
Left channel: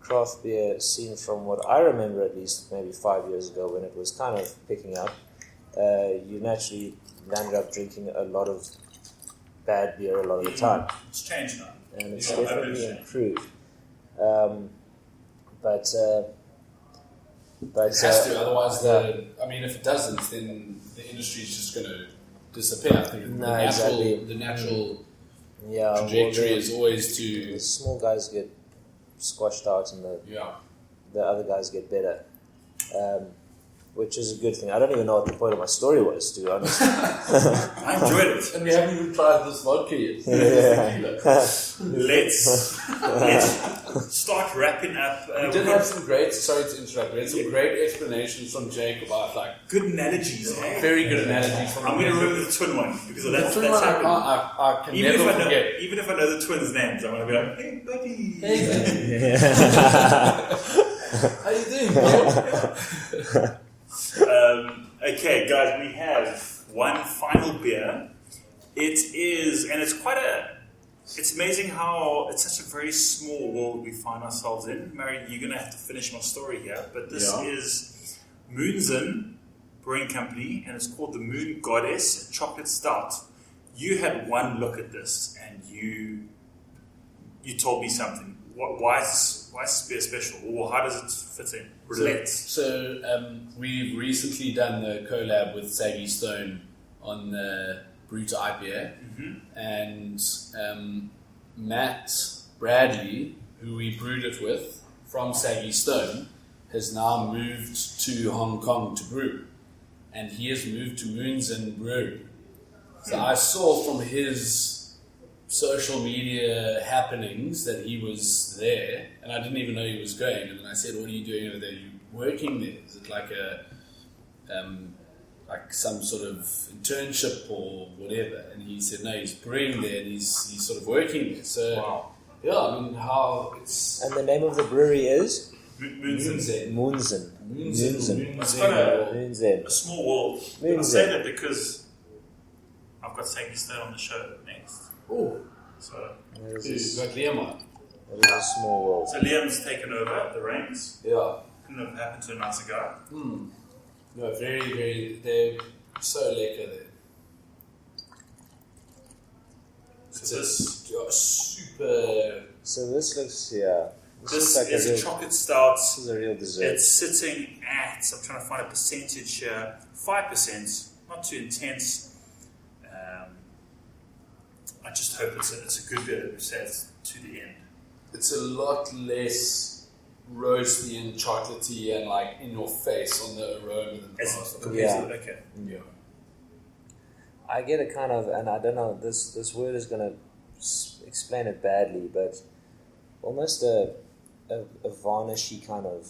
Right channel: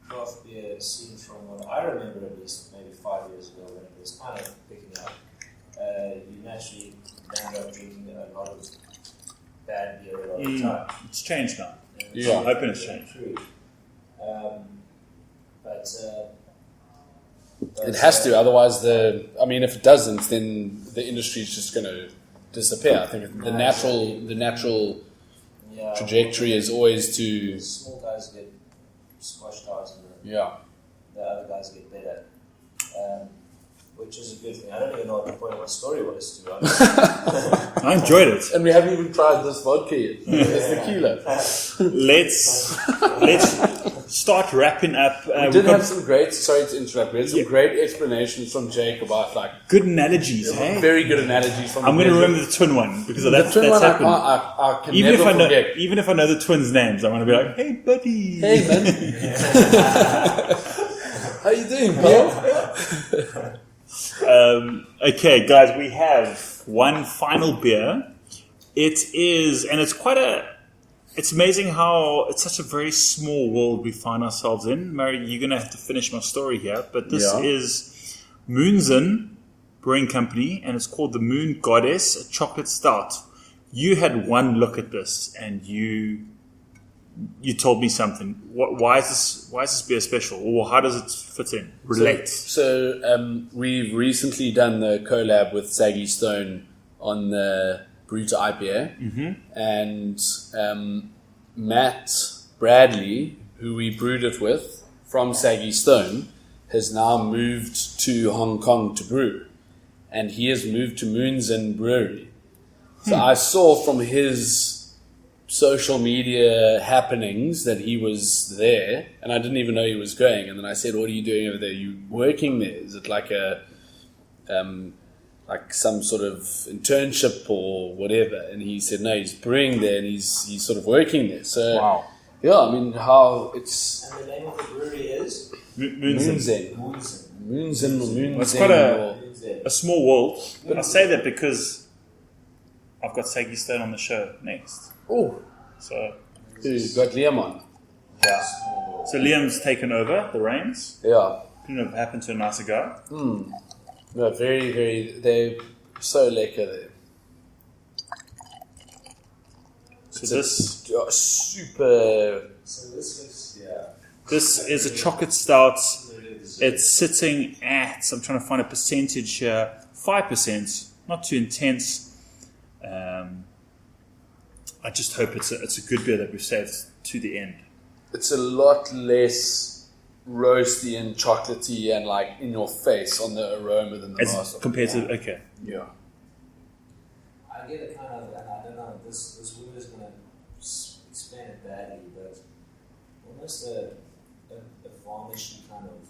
craft beer scene, from what I remember at least, maybe 5 years ago when it was kind of picking up, you naturally landed up drinking a lot of bad beer a lot of the time. It's changed now. And it's improved. But it has to, otherwise if it doesn't, then the industry is just going to disappear. I think the natural trajectory is always to... The small guys get squashed out and the other guys get better, which is a good thing. I don't even know what the point of my story was, to be honest. I enjoyed it. And we haven't even tried this vodka yet. This tequila. Let's start wrapping up. We did have some great, sorry to interrupt, we had some great explanations from Jake about good analogies. Very good analogies from I'm going to remember the twin one, because the twin one I can never forget. Even if I know the twins' names, I'm going to be like, hey buddy. Hey man. How you doing, bro? Okay, guys, we have one final beer. It's amazing how it's such a very small world we find ourselves in. Murray, you're going to have to finish my story here, but this is Moonzen Brewing Company, and it's called the Moon Goddess, a chocolate stout. You had one look at this, and you told me something. Why is this beer special, or how does it fit in? Relate. So we've recently done the collab with Saggy Stone on the Brewta IPA, and Matt Bradley, who we brewed it with from Saggy Stone, has now moved to Hong Kong to brew, and he has moved to Moonzen Brewery. So I saw from his social media happenings that he was there, and I didn't even know he was going. And then I said, "What are you doing over there? You working there? Is it like a like some sort of internship or whatever?" And he said, "No, he's brewing there, and he's sort of working there." So yeah, I mean, how it's... And the name of the brewery is Moonzen. It's quite a small world. But I say that because I've got Saggy Stone on the show next. Oh, so you got Liam on. Yeah, small world. So Liam's taken over the reins. Yeah. Couldn't have happened to a nicer guy. No, very, very. They're so lekker there. So this super. So this looks, yeah. this like is a real- chocolate stout. This is a real dessert. It's sitting at, I'm trying to find a percentage here, 5%, not too intense. I just hope it's a good beer that we've saved to the end. It's a lot less roasty and chocolatey and like in your face on the aroma than the As last one. compared Yeah. to, okay. Yeah. I get a kind of, and I don't know, this word is going to explain it badly, but almost a varnishy kind of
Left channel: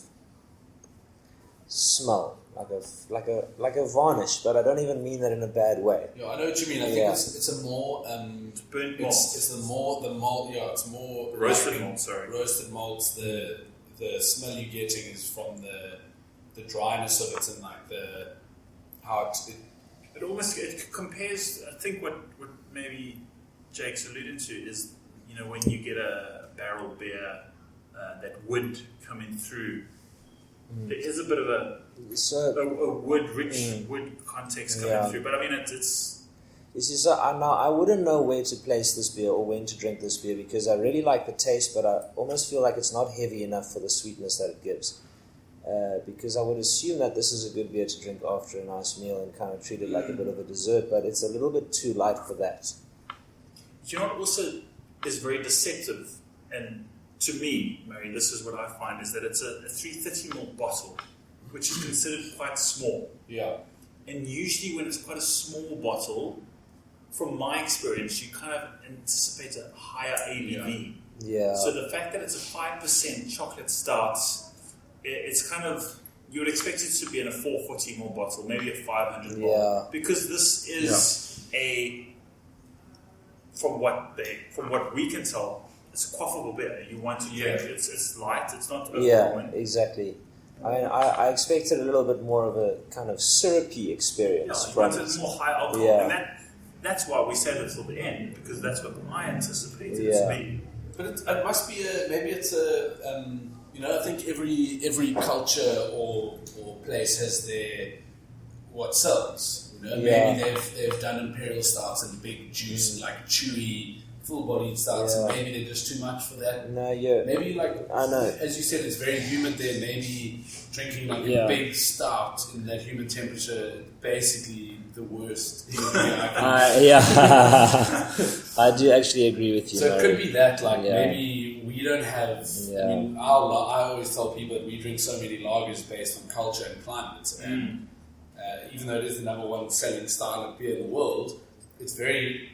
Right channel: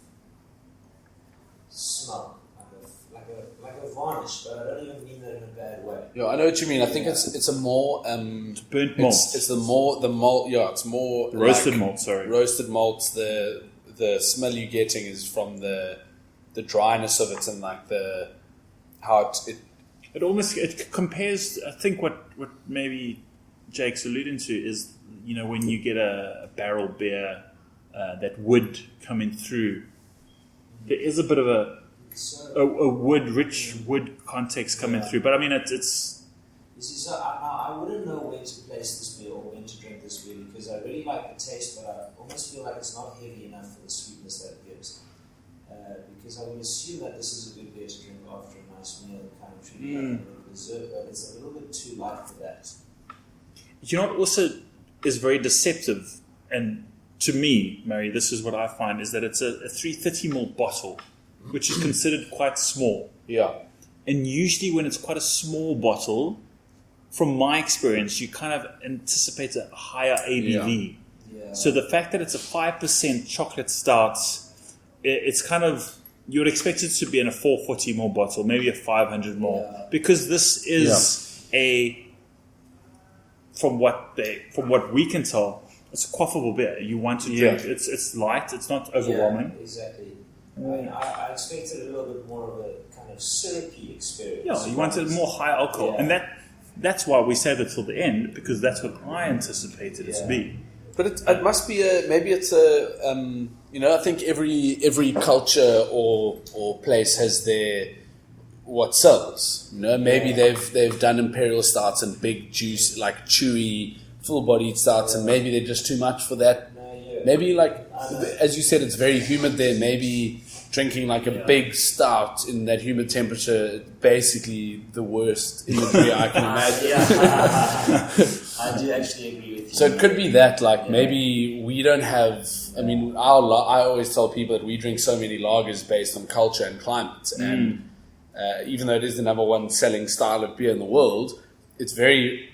smell, like a varnish, but I don't even mean that in a bad way. Yeah, I know what you mean. I think Yeah. it's a more Burnt malt. It's the malt. Yeah, it's more Roasted like malt, sorry. Roasted malts. The smell you're getting is from the dryness of it and like the how it It compares, I think what maybe Jake's alluding to is, when you get a barrel beer, that wood coming through, there is a bit of a rich wood context coming through. But I mean, it's You see, so I wouldn't know where to place this beer or when to drink this beer because I really like the taste, but I almost feel like it's not heavy enough for the sweetness that it gives. Because I would assume that this is a good beer to drink after a nice meal and kind of treat it like a bit of a dessert, but it's a little bit too light for that. You know what also is very deceptive, and to me, Murray, this is what I find, is that it's a 330ml bottle, which is considered quite small. yeah. And usually when it's quite a small bottle, from my experience, you kind of anticipate a higher ABV. Yeah. So the fact that it's a 5% chocolate stout, it's kind of, you would expect it to be in a 440ml bottle, maybe a 500ml. Yeah. Because this is from what we can tell, it's a quaffable beer. You want to drink. It's light. It's not overwhelming. Yeah, exactly. I mean, I expected a little bit more of a kind of syrupy experience. Yeah, you from wanted it. more high alcohol, Yeah. and that's why we saved it till the end, because that's what I anticipated it to Yeah. be. But it must be maybe it's a I think every culture or place has their what sells. Maybe they've done imperial stouts and big juice like chewy, full-bodied stouts, and maybe they're just too much for that. No, yeah. Maybe like I know. as you said, it's very humid there. Maybe drinking like a big stout in that humid temperature, basically the worst imagery I can imagine. I do actually agree with you. So it could be that, like, Yeah. maybe we don't have. I mean, I always tell people that we drink so many lagers based on culture and climate, and even though it is the number one selling style of beer in the world, it's very,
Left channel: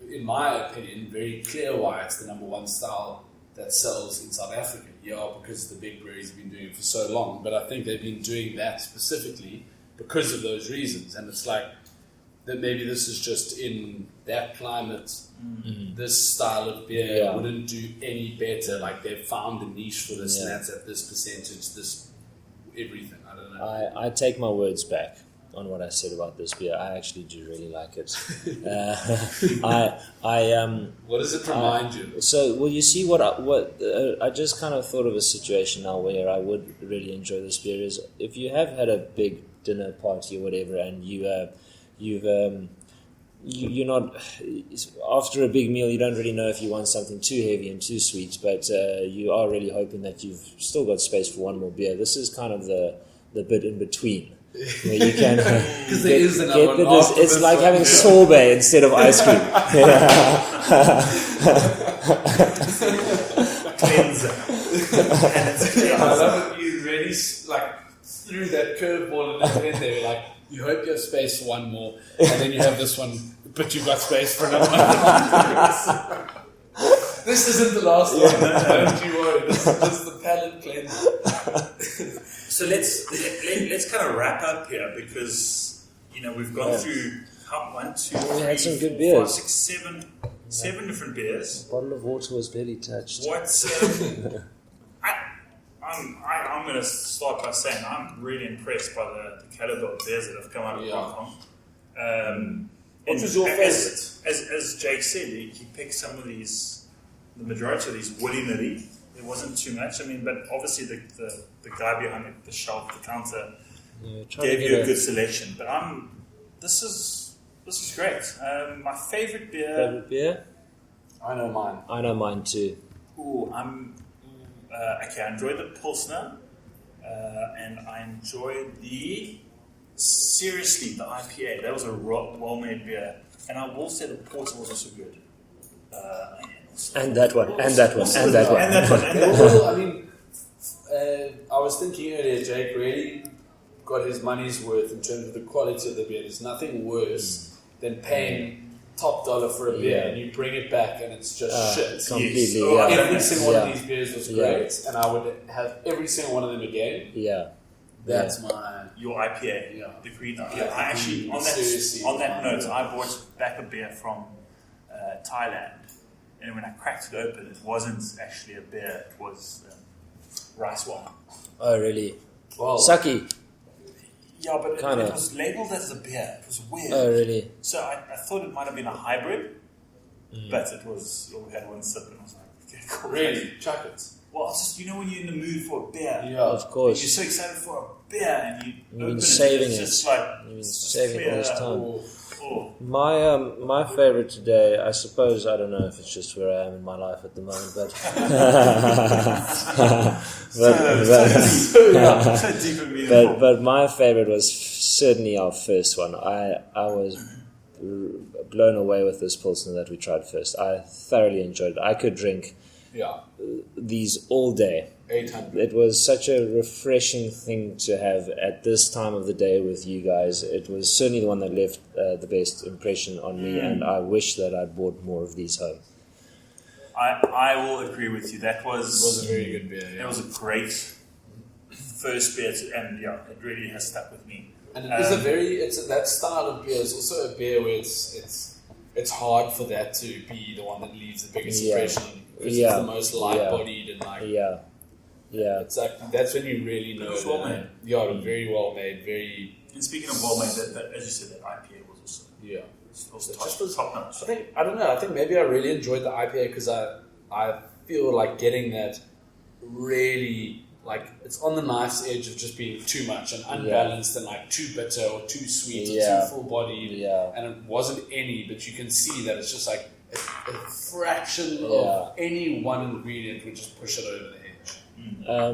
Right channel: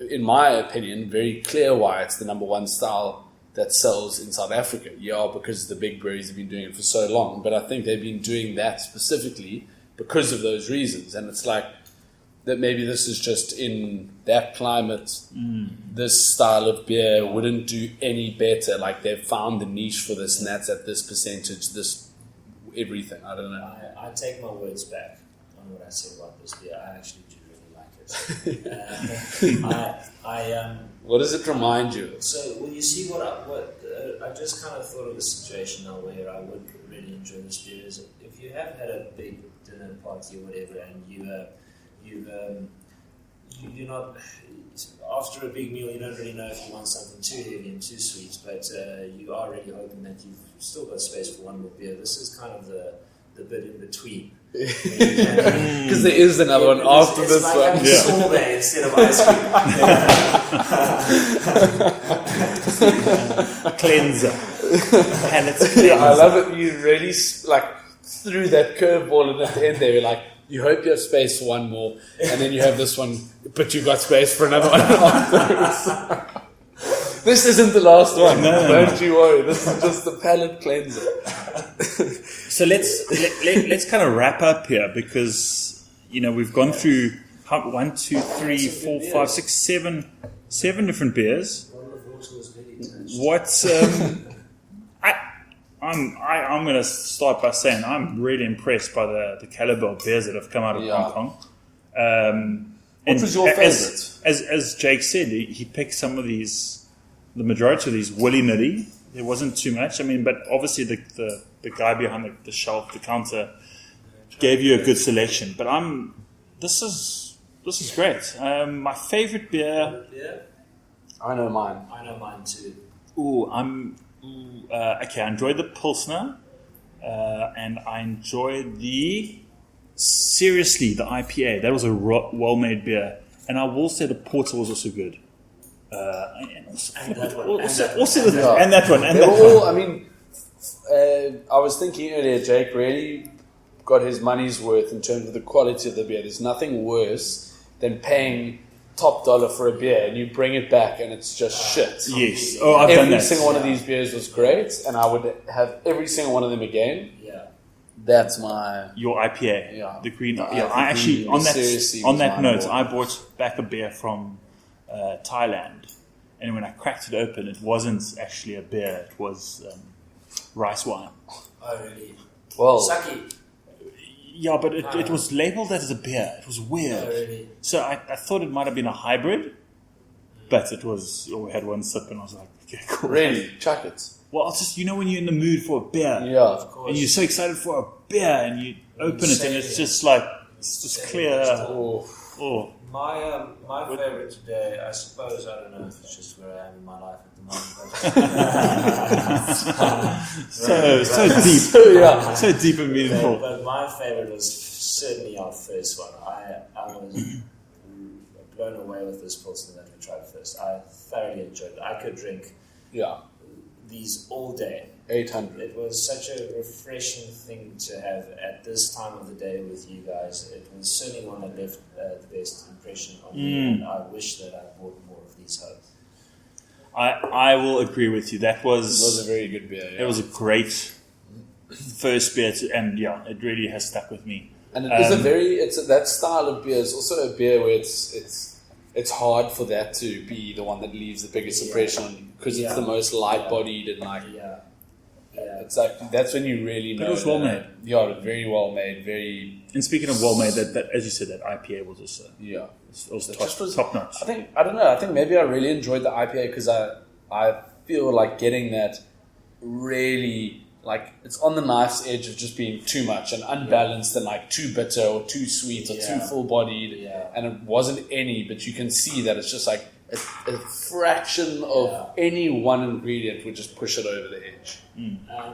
in my opinion, very clear why it's the number one style that sells in South Africa. Yeah, because the big breweries have been doing it for so long, but I think they've been doing that specifically because of those reasons, and it's like that maybe this is just in that climate, this style of beer wouldn't do any better. Like they've found the niche for this, and that's at this percentage, this everything. I don't know. I take my words back on what I said about this beer. I actually do really like it. What does it remind you? So, well, you see I just kind of thought of a situation now where I would really enjoy this beer is if you have had a big dinner party or whatever, and you're not, after a big meal, you don't really know if you want something too heavy and too sweet, but you are really hoping that you've still got space for one more beer. This is kind of the bit in between. Because there is another one after it's this like one. having sorbet instead of ice cream. Cleanser. And it's I love it. You really like threw that curveball in at the end there. You're like, you hope you have space for one more, and then you have this one, but you've got space for another one afterwards. This isn't the last one. Don't you worry. This is just the palate cleanser. So let's kind of wrap up here, because we've gone through 1, 2, 3, some good 4, beers. 5, 6, 7 different beers. Bottle of water was barely touched. What's I'm going to start by saying I'm really impressed by the caliber of beers that have come out of Hong Kong. What was your favourite? As Jake said, he picked some of these, the majority of these willy-nilly. there wasn't too much. I mean, but obviously the guy behind the shelf, the counter, gave you a good selection. But this is great. My favorite beer. Beer? I know mine. I know mine too. Okay. I enjoyed the Pilsner, and I enjoyed the IPA. That was a well-made beer, and I will say the Porter was also good. And that one. They were all. I mean, I was thinking earlier, Jake really got his money's worth in terms of the quality of the beer. There's nothing worse than paying top dollar for a beer and you bring it back and it's just shit. Yes. Every single one of these beers was great, and I would have every single one of them again. Yeah. That's my your IPA. Yeah. The green. The Yeah. I actually seriously on was that mine note, more. I bought back a beer from Thailand, and when I cracked it open, it wasn't actually a beer. It was rice wine. Oh, really? well. Sake. Yeah, but Kinda. it was labeled as a beer. It was weird. Oh, really? So I thought it might have been a hybrid, but it was. We had one sip, and I was like, okay, cool. Really, chuck it. Well, it's just when you're in the mood for a beer, Yeah, Of course. and you're so excited for a beer, and you open it, and saving it's it. just like been it's just saving clear. this time. Oh, My favorite today, I suppose, I don't know if it's just where I am in my life at the moment, but so deep and meaningful. but my favorite was certainly our first one. I was blown away with this Pilsner that we tried first. I thoroughly enjoyed it. I could drink these all day. 800. It was such a refreshing thing to have at this time of the day with you guys. It was certainly the one that left the best impression on me, and I wish that I bought more of these home. I will agree with you. That It was a very good beer. Yeah. It was a great first beer, and it really has stuck with me. And it is that style of beer is also a beer where it's hard for that to be the one that leaves the biggest impression on you, because it's the most light-bodied and it's like that's when you really know. It was well made. Yeah, it was very well made. Very. And speaking of well made, that as you said, that IPA was also top notch. I don't know. I think maybe I really enjoyed the IPA because I feel like getting that really. Like, it's on the knife's edge of just being too much and unbalanced and like too bitter or too sweet or too full-bodied. Yeah. And it wasn't any, but you can see that it's just like a fraction of any one ingredient would just push it over the edge. I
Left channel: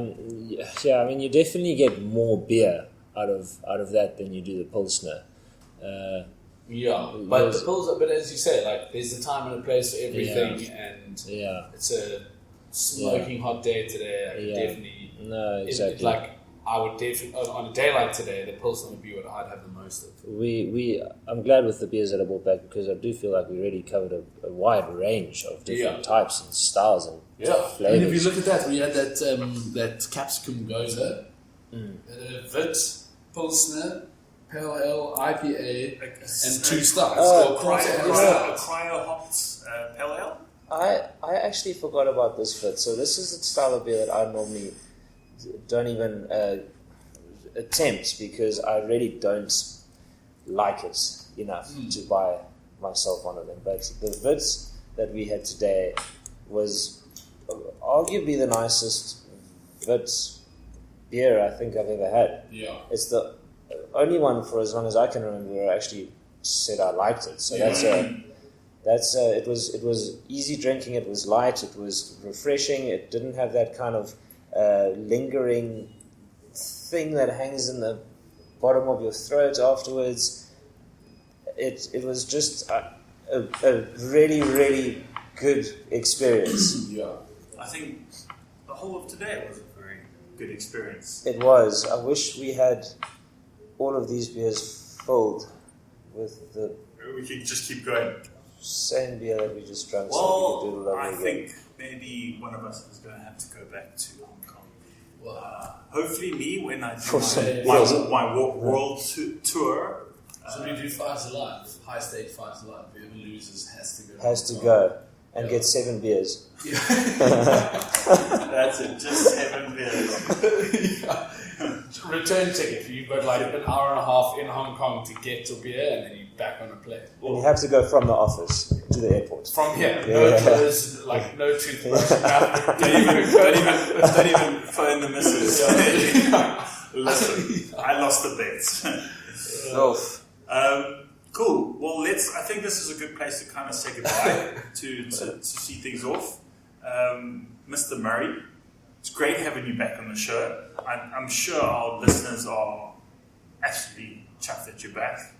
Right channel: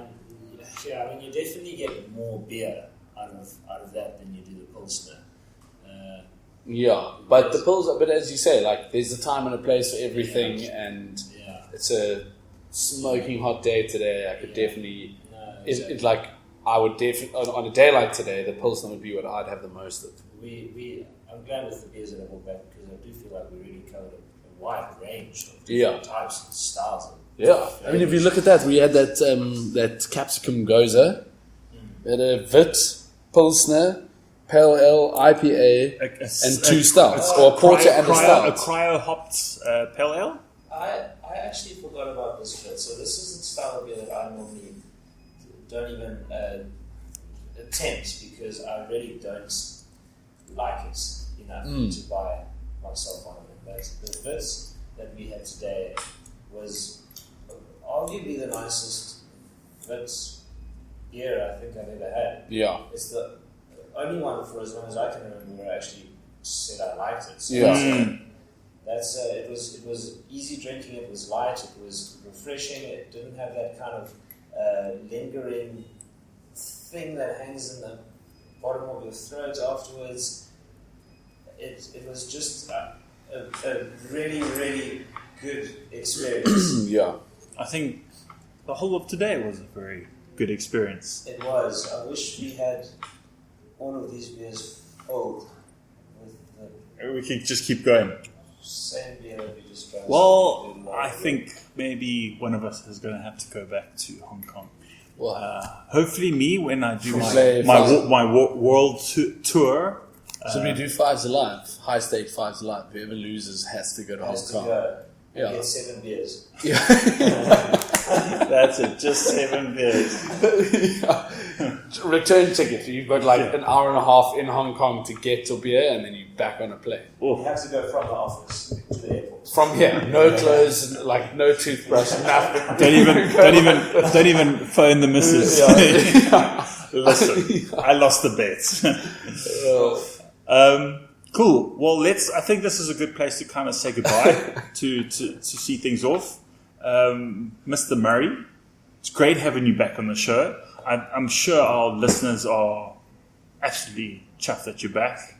mean, you definitely get more beer out of that than you do the Pilsner. But the Pilsner, but as you say, like, there's a time and a place for everything, and it's a smoking hot day today. I could definitely. No, exactly. I would definitely on a day like today, the Pilsner would be what I'd have the most of. I'm glad with the beers that I brought back because I do feel like we really covered a wide range of different types and styles and flavors. I mean, if you look at that, we had that capsicum goza, we had a Vit, Pilsner, Pale Ale, IPA, and two stouts, or a porter and a stout. A cryo-hopped pale ale? I actually forgot about this bit. So this is a style of beer that I normally don't even attempt because I really don't like it enough to buy myself one of them. But the Vits that we had today was arguably the nicest Vits beer I think I've ever had. Yeah. It's the only one for as long as I can remember where I actually said I liked it. So it was easy drinking. It was light. It was refreshing. It didn't have that kind of lingering thing that hangs in the bottom of your throat afterwards. It was just a really, really good experience. I think the whole of today was a very good experience. It was. I wish we had all of these beers filled with the We could just keep going. same beer that we just drank. Well, I think maybe one of us is going to have to go back to Hong Kong. Hopefully me when I do my world tour. So we do Fives Alive, high stake Fives Alive. Whoever loses has to go to Hong Kong. and get 7 beers. That's it, just 7 beers. Return ticket. You've got like an hour and a half in Hong Kong to get to beer, and then you're back on a plane. You have to go from the office to the airport. From here, no clothes, like no toothbrush, nothing. Don't even phone the missus. Listen, I lost the bets. Cool. Well, I think this is a good place to kind of say goodbye to see things off. Mr. Murray, it's great having you back on the show. I'm sure our listeners are actually chuffed that you're back.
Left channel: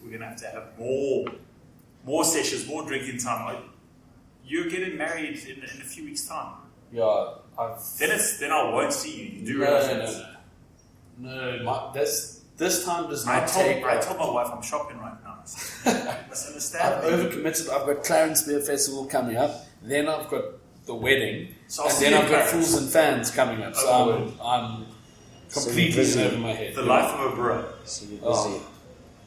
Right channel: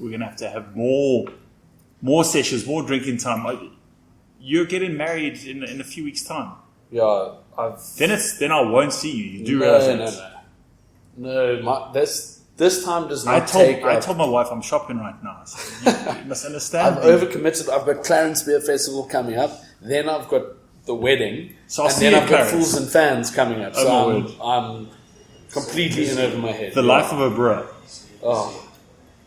We're going to have more sessions, more drinking time. You're getting married in a few weeks' time. Yeah, Then I won't see you. You do No. This time does not take. I told my wife I'm shopping right now. So you must understand. I've overcommitted. I've got Clarence Beer Festival coming up. Then I've got the wedding, and then I've got Fools and Fans coming up. So I'm completely in over my head. The life of a bro.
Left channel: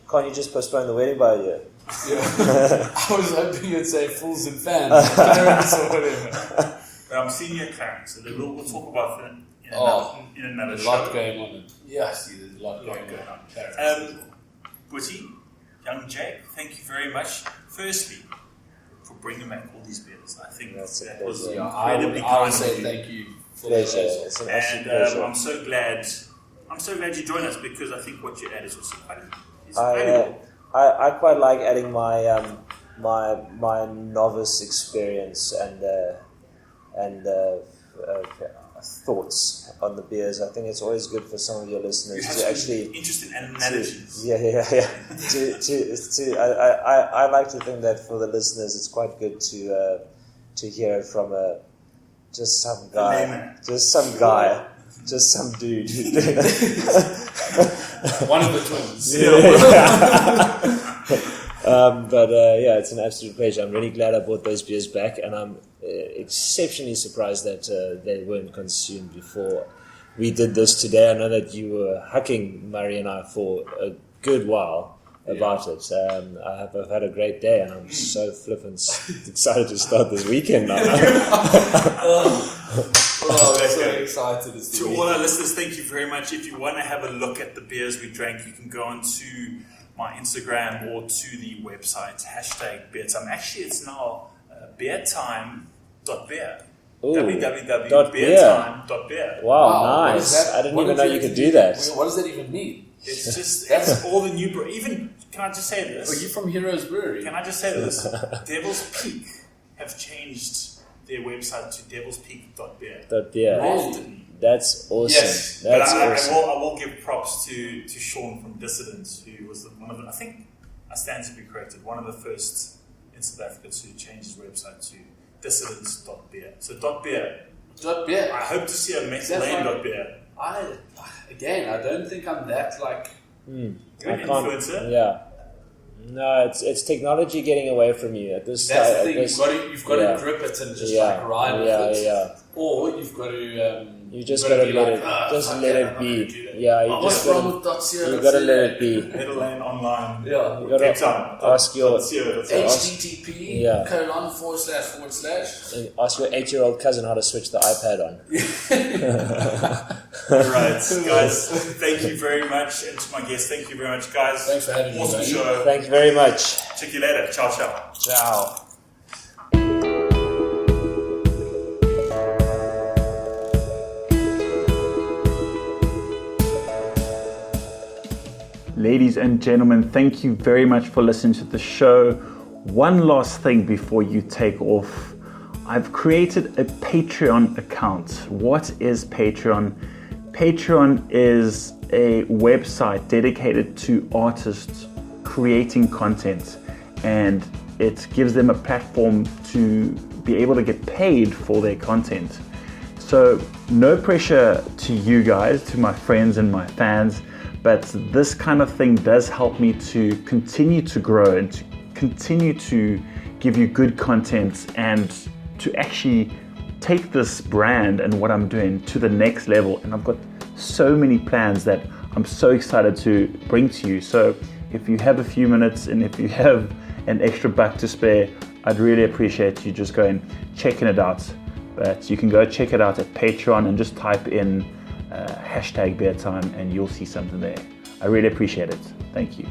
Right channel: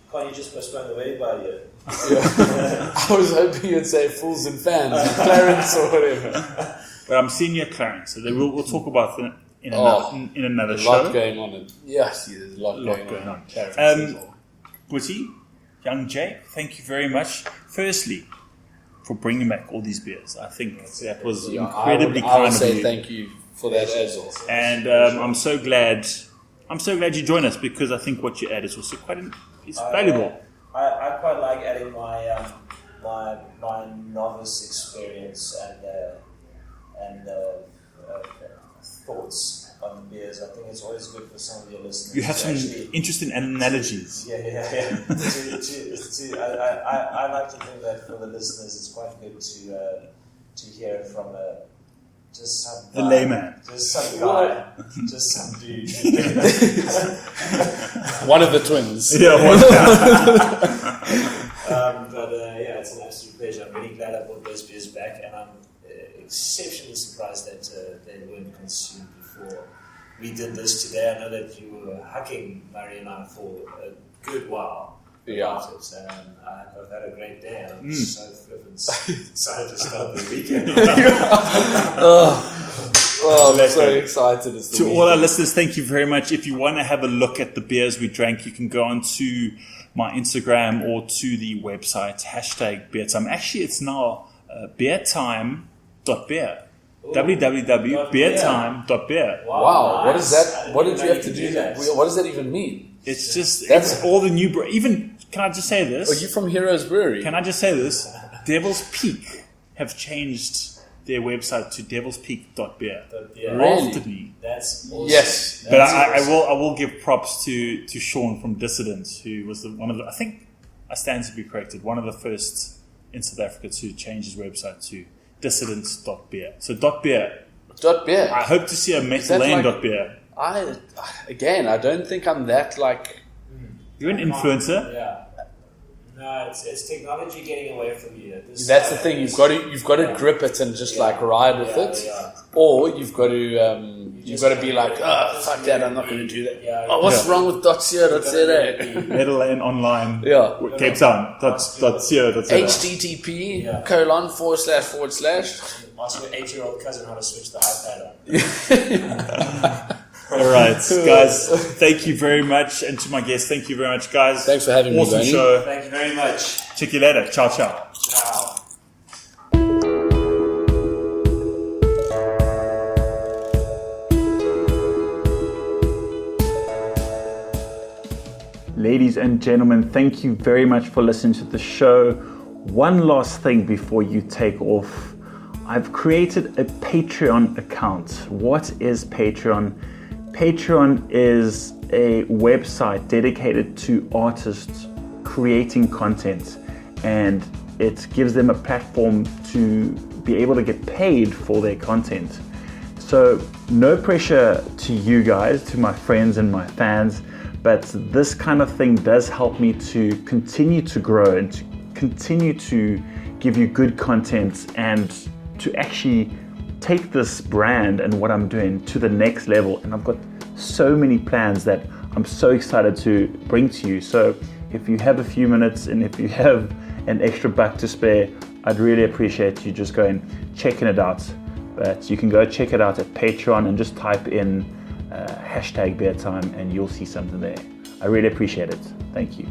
Can't you just postpone the wedding by a year? Yeah. I was hoping you'd say Fools and Fans, Clarence or whatever. But I'm seeing you at Clarence, so we'll talk about that in another show. A lot going on. Yes, there's a lot going on. Boetie, young Jay, thank you very much. Firstly, for bringing back all these beers. I think that was incredibly I would say thank you for that as well. And I'm so glad you joined us, because I think what you added was also quite valuable. I quite like adding my my novice experience and thoughts on the beers. I think it's always good for some of your listeners. You have some interesting analogies. Yeah. I like to think that for the listeners, it's quite good to hear it from just some guy, the layman, just some guy, just some dude. One of the twins. It's an absolute pleasure. I'm really glad I brought those beers back, and I'm exceptionally surprised that they weren't consumed before we did this today. I know that you were hucking Murray and I for a good while about it. I've had a great day, and I'm so flippin' excited to start this weekend now. I'm so excited. To all our listeners, thank you very much. If you want to have a look at the beers we drank, you can go on to my Instagram or to the website, #BeerTime. Actually, it's now beertime.beer. www.beertime.beer. Wow, nice. What is that? What did you have to do that? What does that even mean? It's it's all the new can I just say this? Are you from Heroes Brewery? Can I just say this? Devil's Peak have changed their website to devilspeak.beer. Really? After me. That's awesome. Yes, but I will give props to Sean from Dissidents, who was one of the, I think I stand to be corrected, one of the first in South Africa to change his website to dissidents.beer. So .beer. .beer. I hope to see a Metal Lane .beer. I don't think I'm that like. You're an influencer. Yeah. No, it's technology getting away from you. That's the thing. You've got to grip it and just like ride with it. Yeah. Or you've got to be like, fuck that, I'm not going to do that. What's wrong with .co.za? Metal Lane Online. Yeah. Cape Town. HTTP : // Ask your 8-year-old cousin how to switch the iPad on. All right, guys. Thank you very much, and to my guests, thank you very much, guys. Thanks for having me, Awesome Bonnie. show. Thank you very much. Check you later. Ciao, ciao. Ciao. Ladies and gentlemen, thank you very much for listening to the show. One last thing before you take off. I've created a Patreon account. What is Patreon? Patreon is a website dedicated to artists creating content, and it gives them a platform to be able to get paid for their content. So no pressure to you guys, to my friends and my fans, but this kind of thing does help me to continue to grow and to continue to give you good content and to actually take this brand and what I'm doing to the next level. And I've got so many plans that I'm so excited to bring to you. So if you have a few minutes and if you have an extra buck to spare, I'd really appreciate you just going checking it out. But you can go check it out at Patreon and just type in #BeerTime and you'll see something there. I really appreciate it. Thank you.